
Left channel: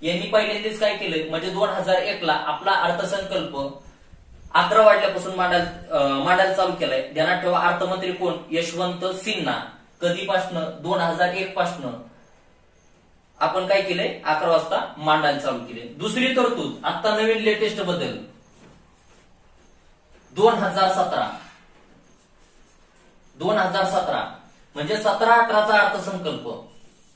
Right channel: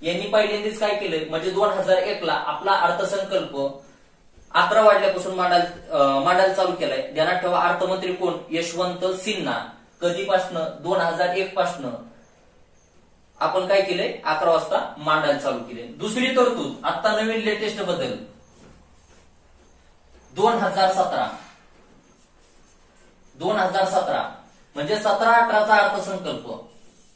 यांनी पहिल्यांदाच काय केलं म्हणजे 2001 ला आपला अर्थसंकल्प 11 वाजल्यापासून मांडायला चालू केलाय. ध्यानात ठेवा, अर्थमंत्री कोण, यशवंत सिन्हा. कधीपासून, 2001 पासून आपण काय केलंय 11 वाजता मांडायला चालू केले. दुसरी तरतूद, आता नवीन लेटेस्ट बदल 2017 म्हणजे 17-18चा अर्थसंकल्प.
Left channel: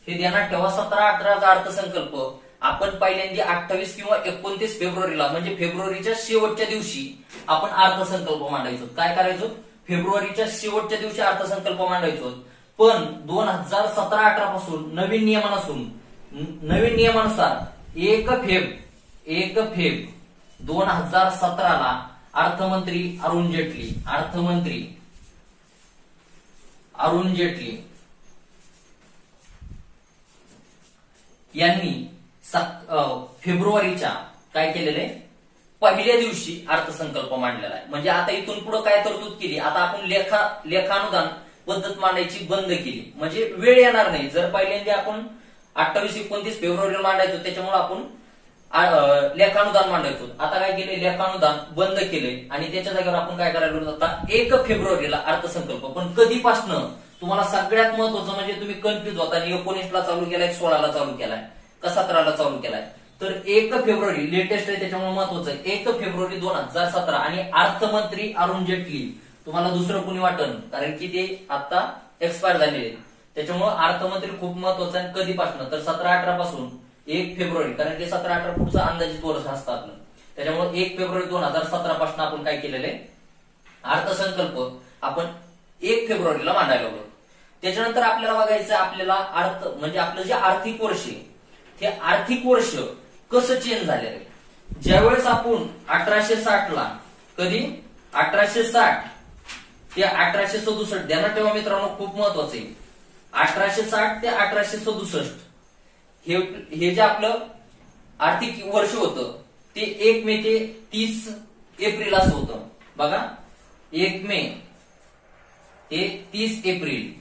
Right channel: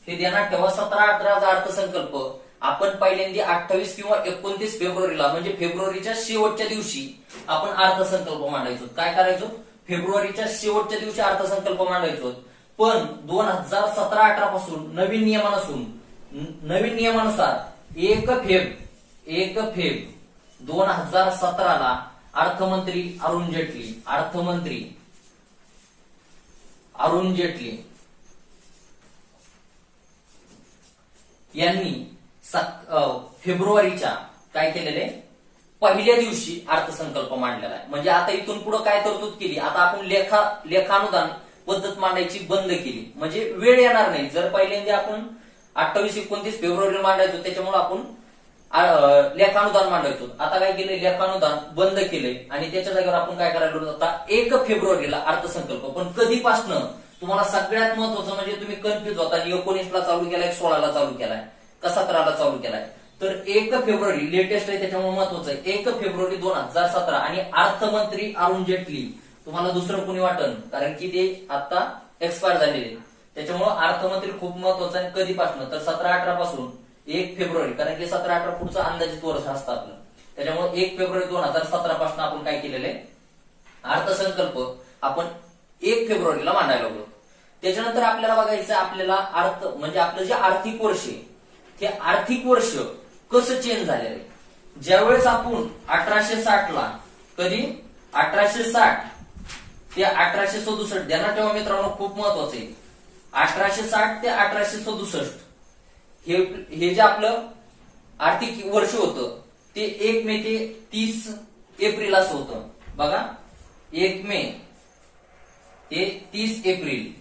हे ध्यानात ठेवा, 17-18चा अर्थसंकल्प आपण पहिल्यांदा 28 किंवा 29 फेब्रुवारीला म्हणजे फेब्रुवारीच्या शेवटच्या दिवशी आपण अर्थसंकल्प मांडायचो. काय करायचो, फेब्रुवारीच्या शेवटच्या दिवशी अर्थसंकल्प मांडायचो. पण 2017-18 पासून नवीन नियमानुसार 1 फेब 2017 ला अर्थमंत्री अरुण जेटली यांनी फेब्रुवारीच्या काय केलेले पहिल्या दिवशी अर्थसंकल्प मांडलेला आहे. म्हणजे आता इथून पुढे काय तरतूद केली, आता आपण लेखानुदान पद्धत मांडायची बंद केली. म्हणजे वेळ येणार नाही. जर पहिल्यांदा आपण 28-29 फेब्रुवारीला मांडायचो त्याच्यामुळे आपण लेखानुदान मांडायचो. आता काय केले, लेखानुदान बंद केले आणि त्याच्या जागेवर आपण काय करायला आता 1 फेब्रुवारीला अर्थसंकल्प. पण कधीपासनं, तुम्हाला सगळ्यात महत्वाचं म्हणजे तुम्ही कन्फ्युज होता, 19 ला चालू केलाय, 16 ला चालू केलाय का 17 ला चालू केलाय, तर 1 फेब्रुवारी लेटेस्ट आहे त्याच्यामुळे महत्वाचं आहे. 1 फेब्रुवारी 2017 आणि अर्थमंत्री अरुण जेटली, तुम्हाला दुसरं कोणी वाटन कारण की ते आता एक्सपायर झालेले, त्याच्यामुळे अर्थमंत्री खूप महत्वाचं आहे. कधीपासून, तर 17-18 पासून 1 फेब्रुवारी, कारण की 17-18 पुढचं अंदाजित वर्ष असतं आपलं, त्याच्यामुळे 1 फेब्रुवारी 2017 पासून आपण काय केलेलं आहे, अर्थसंकल्प आपण 1 फेब्रुवारीला मांडायला लागलो. त्याच्यानंतर आपल्याला बघायचं आपल्याला म्हणजे आपलं जे आर्थिक वर्ष आहे ते आर्थिक वर्ष कसं चेंज झालेलं आहे. ज्यावेळेस आपण 1860 ला, कधी 1860 ते 1867, ध्यानात ठेवा मित्रांनो खूप महत्वाचं आहे, 1860 ते 1867 हे जे आपलं आर्थिक वर्ष होतं ते 1 मे ते 30 एप्रिल असं होतं. बघा, 1 मे ते 30 एप्रिल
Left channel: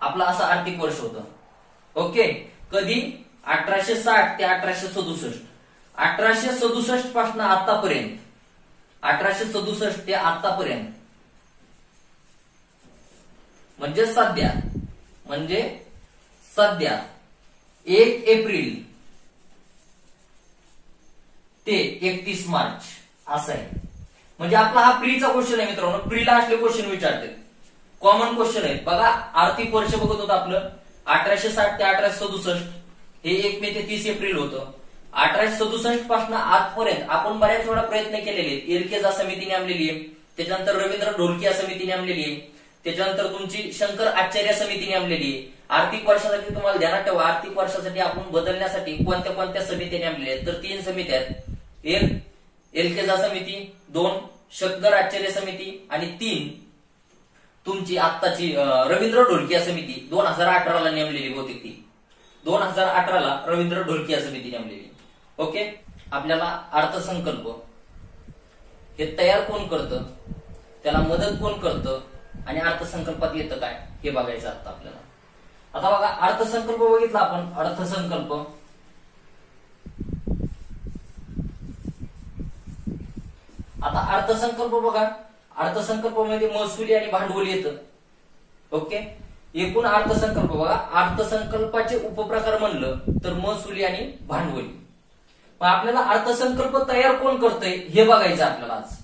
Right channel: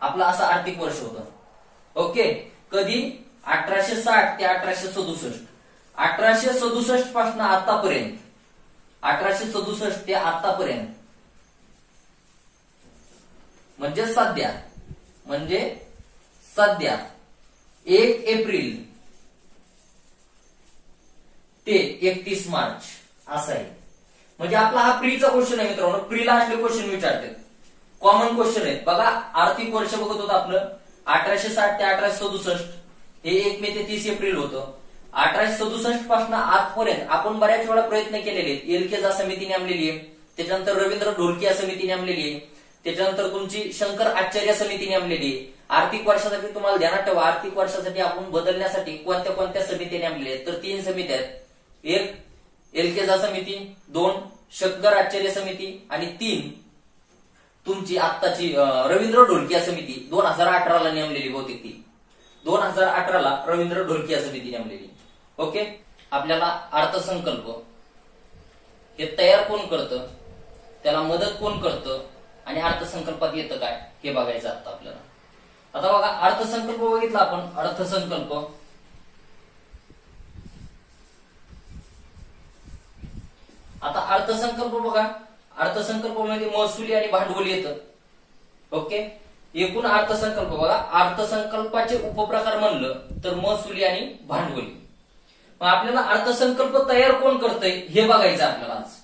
आपलं असं आर्थिक वर्ष होतं. ओके, कधी 1860 ते 1867, 1867 पासून आतापर्यंत, 1867 ते आतापर्यंत म्हणजे सध्या 1 एप्रिल ते 31 मार्च असं आहे. म्हणजे आपला हा प्रीचा क्वेश्चन आहे मित्रांनो. प्रीला असले क्वेश्चन विचारते, कॉमन क्वेश्चन आहे. बघा, आर्थिक वर्ष बघत होतं आपलं 1860 ते 1867, हे 1 मे ते 30 एप्रिल होतं. 1867 पासून आजपर्यंत आपण बऱ्याच वेळा प्रयत्न केलेले आहेत. एलकेजा समिती नेमलेली आहे, त्याच्यानंतर रवींद्र ढोलकिया समिती नेमलेली आहे, त्याच्यानंतर तुमची शंकर आचार्य समिती नेमलेली आहे. आर्थिक वर्षासाठी तुम्हाला ध्यानात ठेवा, आर्थिक वर्षासाठी आपण बदलण्यासाठी कोणत्या कोणत्या समित्या नेमलेल्या आहेत, तर 3 समित्या आहेत. 1 एलकेजा समिती, 2 शंकर आचार्य समिती आणि 3 तुमची आत्ताची रवींद्र ढोलकिया समिती 2018 ला नेमलेली होती. ती 2018 ला रवींद्र ढोलकिया समिती नेमलेली. ओके, आपल्याला अर्थसंकल्प हे तयार कोण करतं, त्याला मदत कोण करतं आणि अर्थसंकल्पात येतं काय हे बघायचं आता आपल्याला. आता बघा अर्थसंकल्प बघितला आपण. अर्थसंकल्प आता अर्थसंकल्प बघा, अर्थसंकल्पामध्ये महसुली आणि भांडवली येतं. ओके, एकूण अर्थसंकल्प बघा, अर्थसंकल्पाचे उपप्रकार म्हणलं तर महसुली आणि भांडवली. मग आपल्याला अर्थसंकल्प तयार कोण करतंय हे बघायचं आपल्याला आज,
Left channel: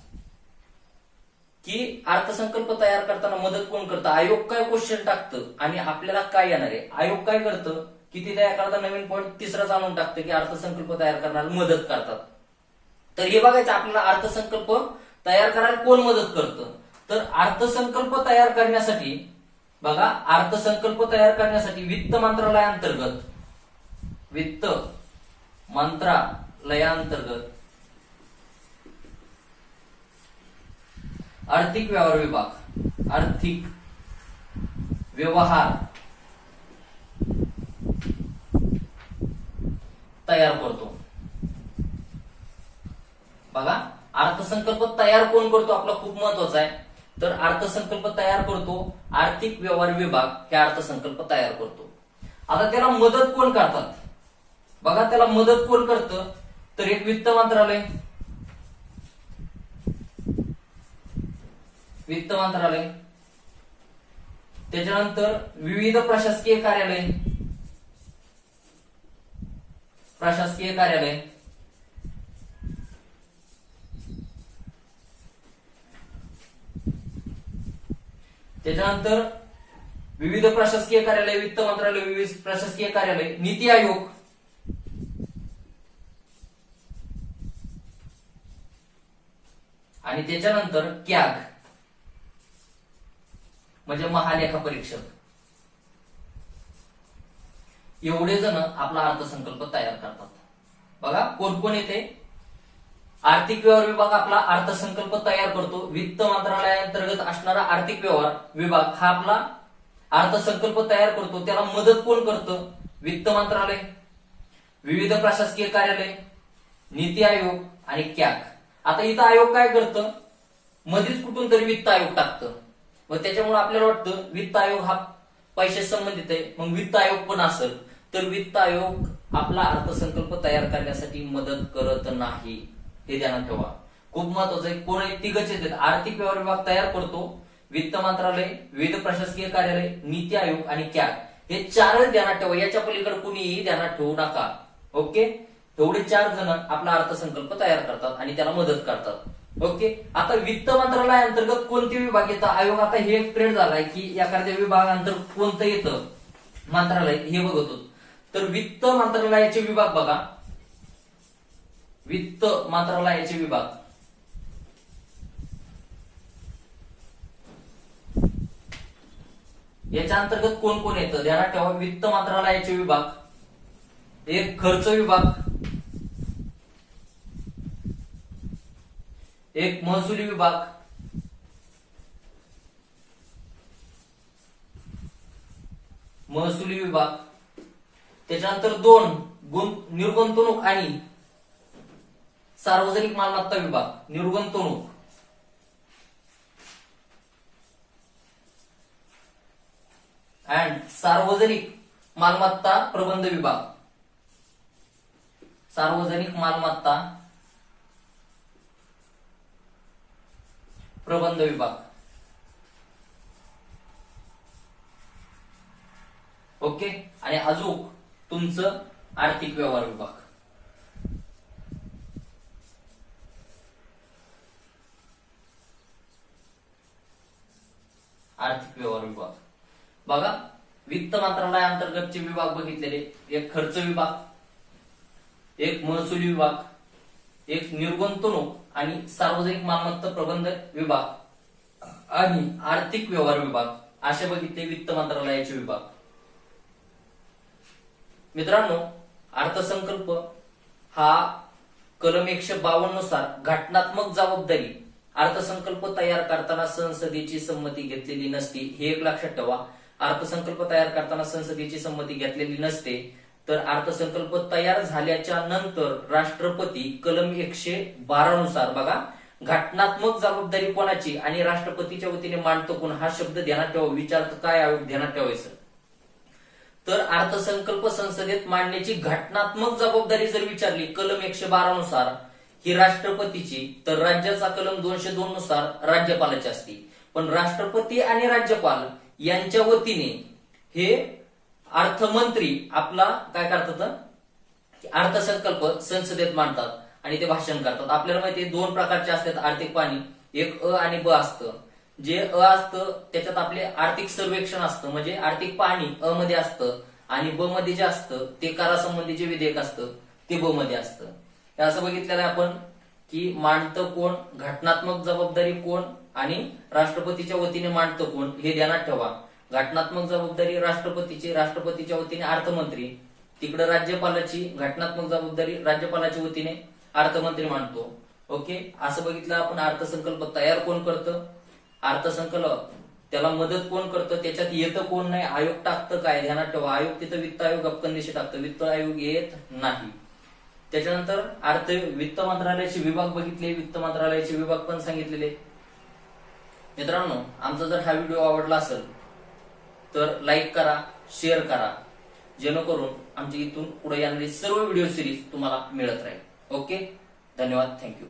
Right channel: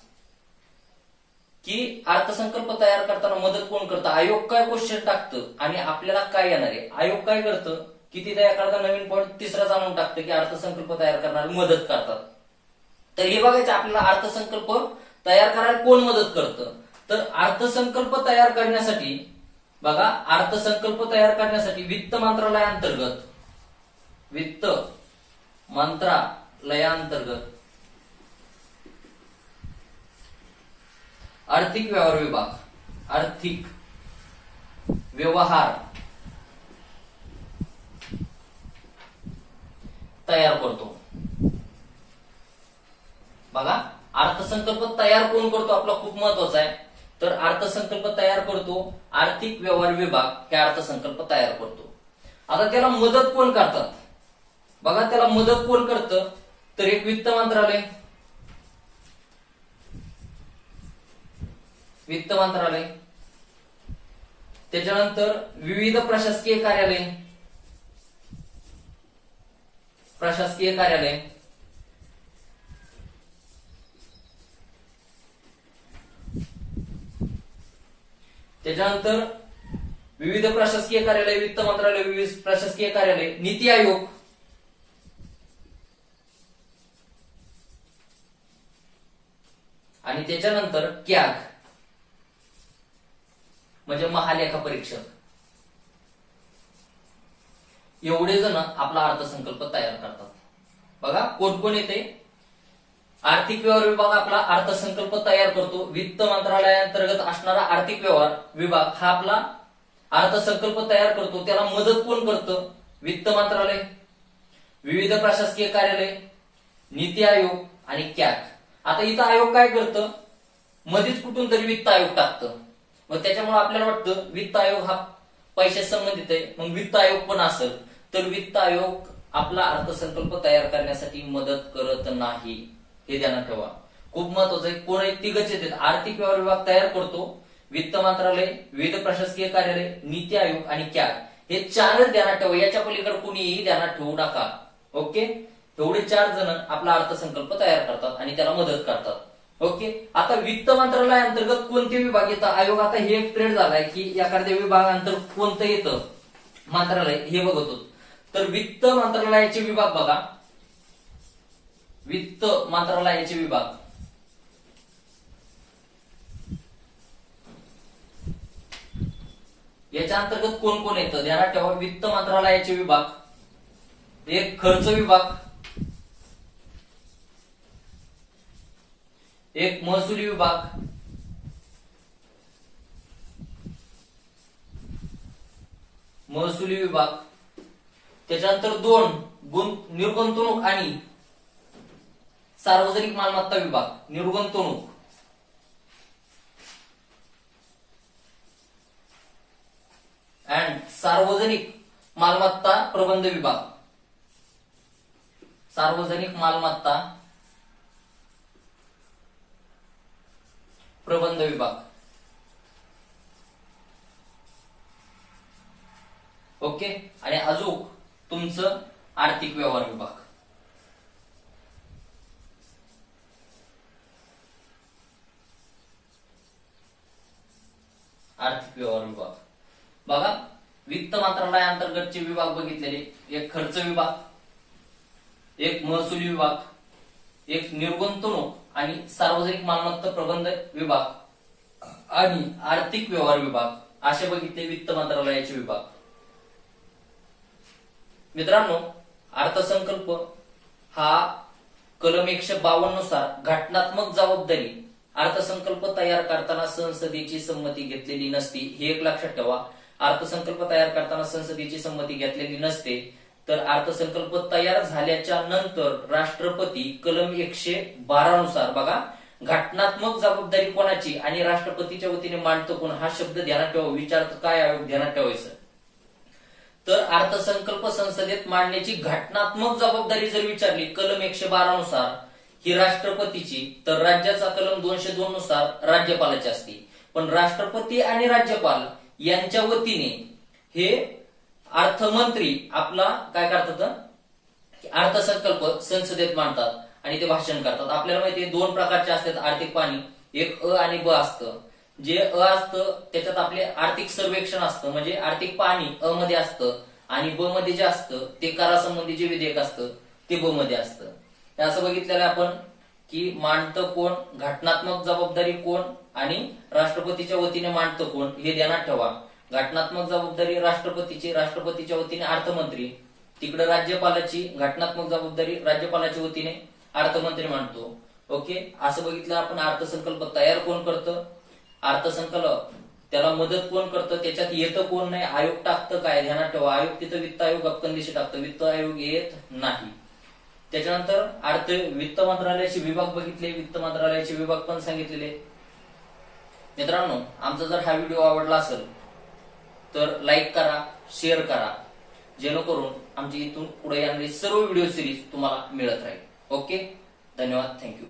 की अर्थसंकल्प तयार करताना मदत कोण करतं. आयोग काय क्वेश्चन टाकतं आणि आपल्याला काय येणार आहे. आयोग काय करतं की तिथे एखादा नवीन पॉईंट तिसराच आणून टाकतं की अर्थसंकल्प तयार करणारी मदत करतात. तर हे बघायचं आपल्याला अर्थसंकल्प तयार करायला कोण मदत करतं. तर अर्थसंकल्प तयार करण्यासाठी बघा, अर्थसंकल्प तयार करण्यासाठी वित्त मंत्रालयाअंतर्गत आर्थिक व्यवहार विभाग तयार करतो. बघा अर्थसंकल्प तयार कोण करतो आपला खूप महत्वाचा आहे. तर अर्थसंकल्प तयार करतो आर्थिक व्यवहार विभाग, हे अर्थसंकल्प तयार करतो. आता त्याला मदत कोण करतात बघा, त्याला मदत कोण करतं. तर एक वित्त मंत्रालय, त्याच्यानंतर विविध प्रशासकीय कार्यालय, त्याच्यानंतर विविध प्रशासकीय कार्यालय, वित्त मंत्रालय, विविध प्रशासकीय कार्यालय, नीती आयोग, आणि त्याच्यानंतर कॅग म्हणजे महालेखा परीक्षक. एवढे जण आपला अर्थसंकल्प तयार करतात. बघा कोण कोण येते. आर्थिक व्यवहार विभाग आपला अर्थसंकल्प तयार करतो. वित्त मंत्रालयाअंतर्गत असणारा आर्थिक व्यवहार विभाग हा आपला अर्थसंकल्प तयार करतो. त्याला मदत कोण करतं. वित्त मंत्रालय, विविध प्रशासकीय कार्यालय, नीती आयोग आणि कॅग. आता इथं आयोग काय करतं, मध्येच कुठून तरी वित्त आयोग टाकतं. मग त्याच्यामुळे आपल्याला वाटतं वित्त आयोग हा पैशाशी संबंधित आहे, मग वित्त आयोग पण असेल. तर वित्त आयोग आपला अर्थसंकल्प तयार करण्यासाठी मदत करत नाही, हे ध्यानात ठेवा. खूप महत्वाचं आहे. कोण तिघच येतात. आर्थिक व्यवहार विभाग तयार करतो, वित्त मंत्रालय, विविध प्रशासकीय कार्यालय, नीती आयोग आणि कॅग. हे चारच ध्यानात ठेवा. याच्या पलीकडे कुणीही ध्यानात ठेवू नका. ओके, एवढे 4 जण आपला अर्थसंकल्प तयार करतात आणि त्याला मदत करतात. ओके, आता वित्त मंत्रालयाअंतर्गत कोणते विभाग येतात. आयोग आता हे एक्सप्लेन झालाय की एखाद्या विभागांतर्गत कोणतं येतं मंत्रालय हे बघतो. तर वित्त मंत्रालयाचे विभाग बघा, वित्त मंत्रालयाचे विभाग याच्या अंतर्गत कोण कोण येतं ध्यानात ठेवा. वित्त मंत्रालयाचे विभाग, एक खर्च विभाग, एक महसुली विभाग, त्याच्यानंतर 2 निर्गुंतवणूक आणि सार्वजनिक मालमत्ता विभाग, निर्गुंतवणूक अँड सार्वजनिक मालमत्ता प्रबंध विभाग, सार्वजनिक मालमत्ता प्रबंध विभाग. ओके, आणि अजून तुमचं आर्थिक व्यवहार विभाग. आर्थिक व्यवहार विभाग बघा, वित्त मंत्रालयाअंतर्गतचे विभाग बघितलेले, एक खर्च विभाग, एक महसुली विभाग, एक निर्गुंतवणूक आणि सार्वजनिक मालमत्ता प्रबंध विभाग आणि आर्थिक व्यवहार विभाग, असे बघितले वित्त मंत्रालयाचे विभाग. मित्रांनो, अर्थसंकल्प हा कलम 152 नुसार घटनात्मक जबाबदारी अर्थसंकल्प तयार करताना संसदेची संमती घेतलेली नसती, हे एक लक्षात ठेवा. अर्थसंकल्प तयार करताना संसदेची संमती घेतलेली नसते. तर अर्थसंकल्प तयार झाल्याच्या नंतर राष्ट्रपती कलम 112 नुसार बघा, घटनात्मक जबाबदारी कोणाची आणि राष्ट्रपतीच्या वतीने मांडतो कोण, हा शब्द ध्यानात ठेवा. विचारतो काय आयोग ध्यानात ठेवायचं. तर अर्थसंकल्प संसदेत मांडण्याची घटनात्मक जबाबदारी जर विचारली कलम 112 नुसार ही राष्ट्रपतीची, तर राज्याचा कलम 202 नुसार राज्यपालाची असते. पण राष्ट्रपती आणि राज्यपाल यांच्या वतीने हे अर्थमंत्री आपला काय करतात, अर्थसंकल्प संसदेत मांडतात आणि ते भाषण करतात. आपल्याला माहिती आहे 2 प्रकारचे असतात आर्थिक पाहणी, एक अ आणि ब असतं. जे अ असतं त्याच्यात आपले आर्थिक सर्वेक्षण असतं, म्हणजे आर्थिक पाहणी अ मध्ये असतं, आणि ब मध्ये जे असतं ते करासंबंधी जे विधेयक असतं ते ब मध्ये असतं. हे असं बघितलेलं आहे आपण की मांडतं कोण, घटनात्मक जबाबदारी कोण आणि राष्ट्रपतीच्या वतीने मांडतं कोण, हे ध्यानात ठेवा. घटनात्मक जबाबदारी राष्ट्रपतीची, राष्ट्रपतीच्या वतीने अर्थमंत्री, तिकडे राज्यपालाची घटनात्मक जबाबदारी राज्यपालाच्या वतीने अर्थमंत्री मांडतो. ओके, असं बघितलं आपण. अर्थसंकल्प तयार कोण करतं, अर्थसंकल्प त्याला मदत कोण करतं, त्याच्यात येतं कोण नाही, आयोग टाकतं काय, ध्यानात ठेवा. आयोग तिथं वित्त आयोग अपकंदिशी टाकतं, वित्त आयोग येत नाही. त्याच्यानंतर वित्त मंत्रालयाचे विभाग बघितले, वित्त मंत्रालयाचे विभाग पण सांगितलेले. मित्रांनो, आमचा जर हा व्हिडिओ आवडला असेल तर लाईक करा, शेअर करा, जेणेकरून आमची इथून पुढे येणारी सर्व व्हिडिओ सिरीज तुम्हाला मिळत राहील. ओके, धन्यवाद, थँक्यू.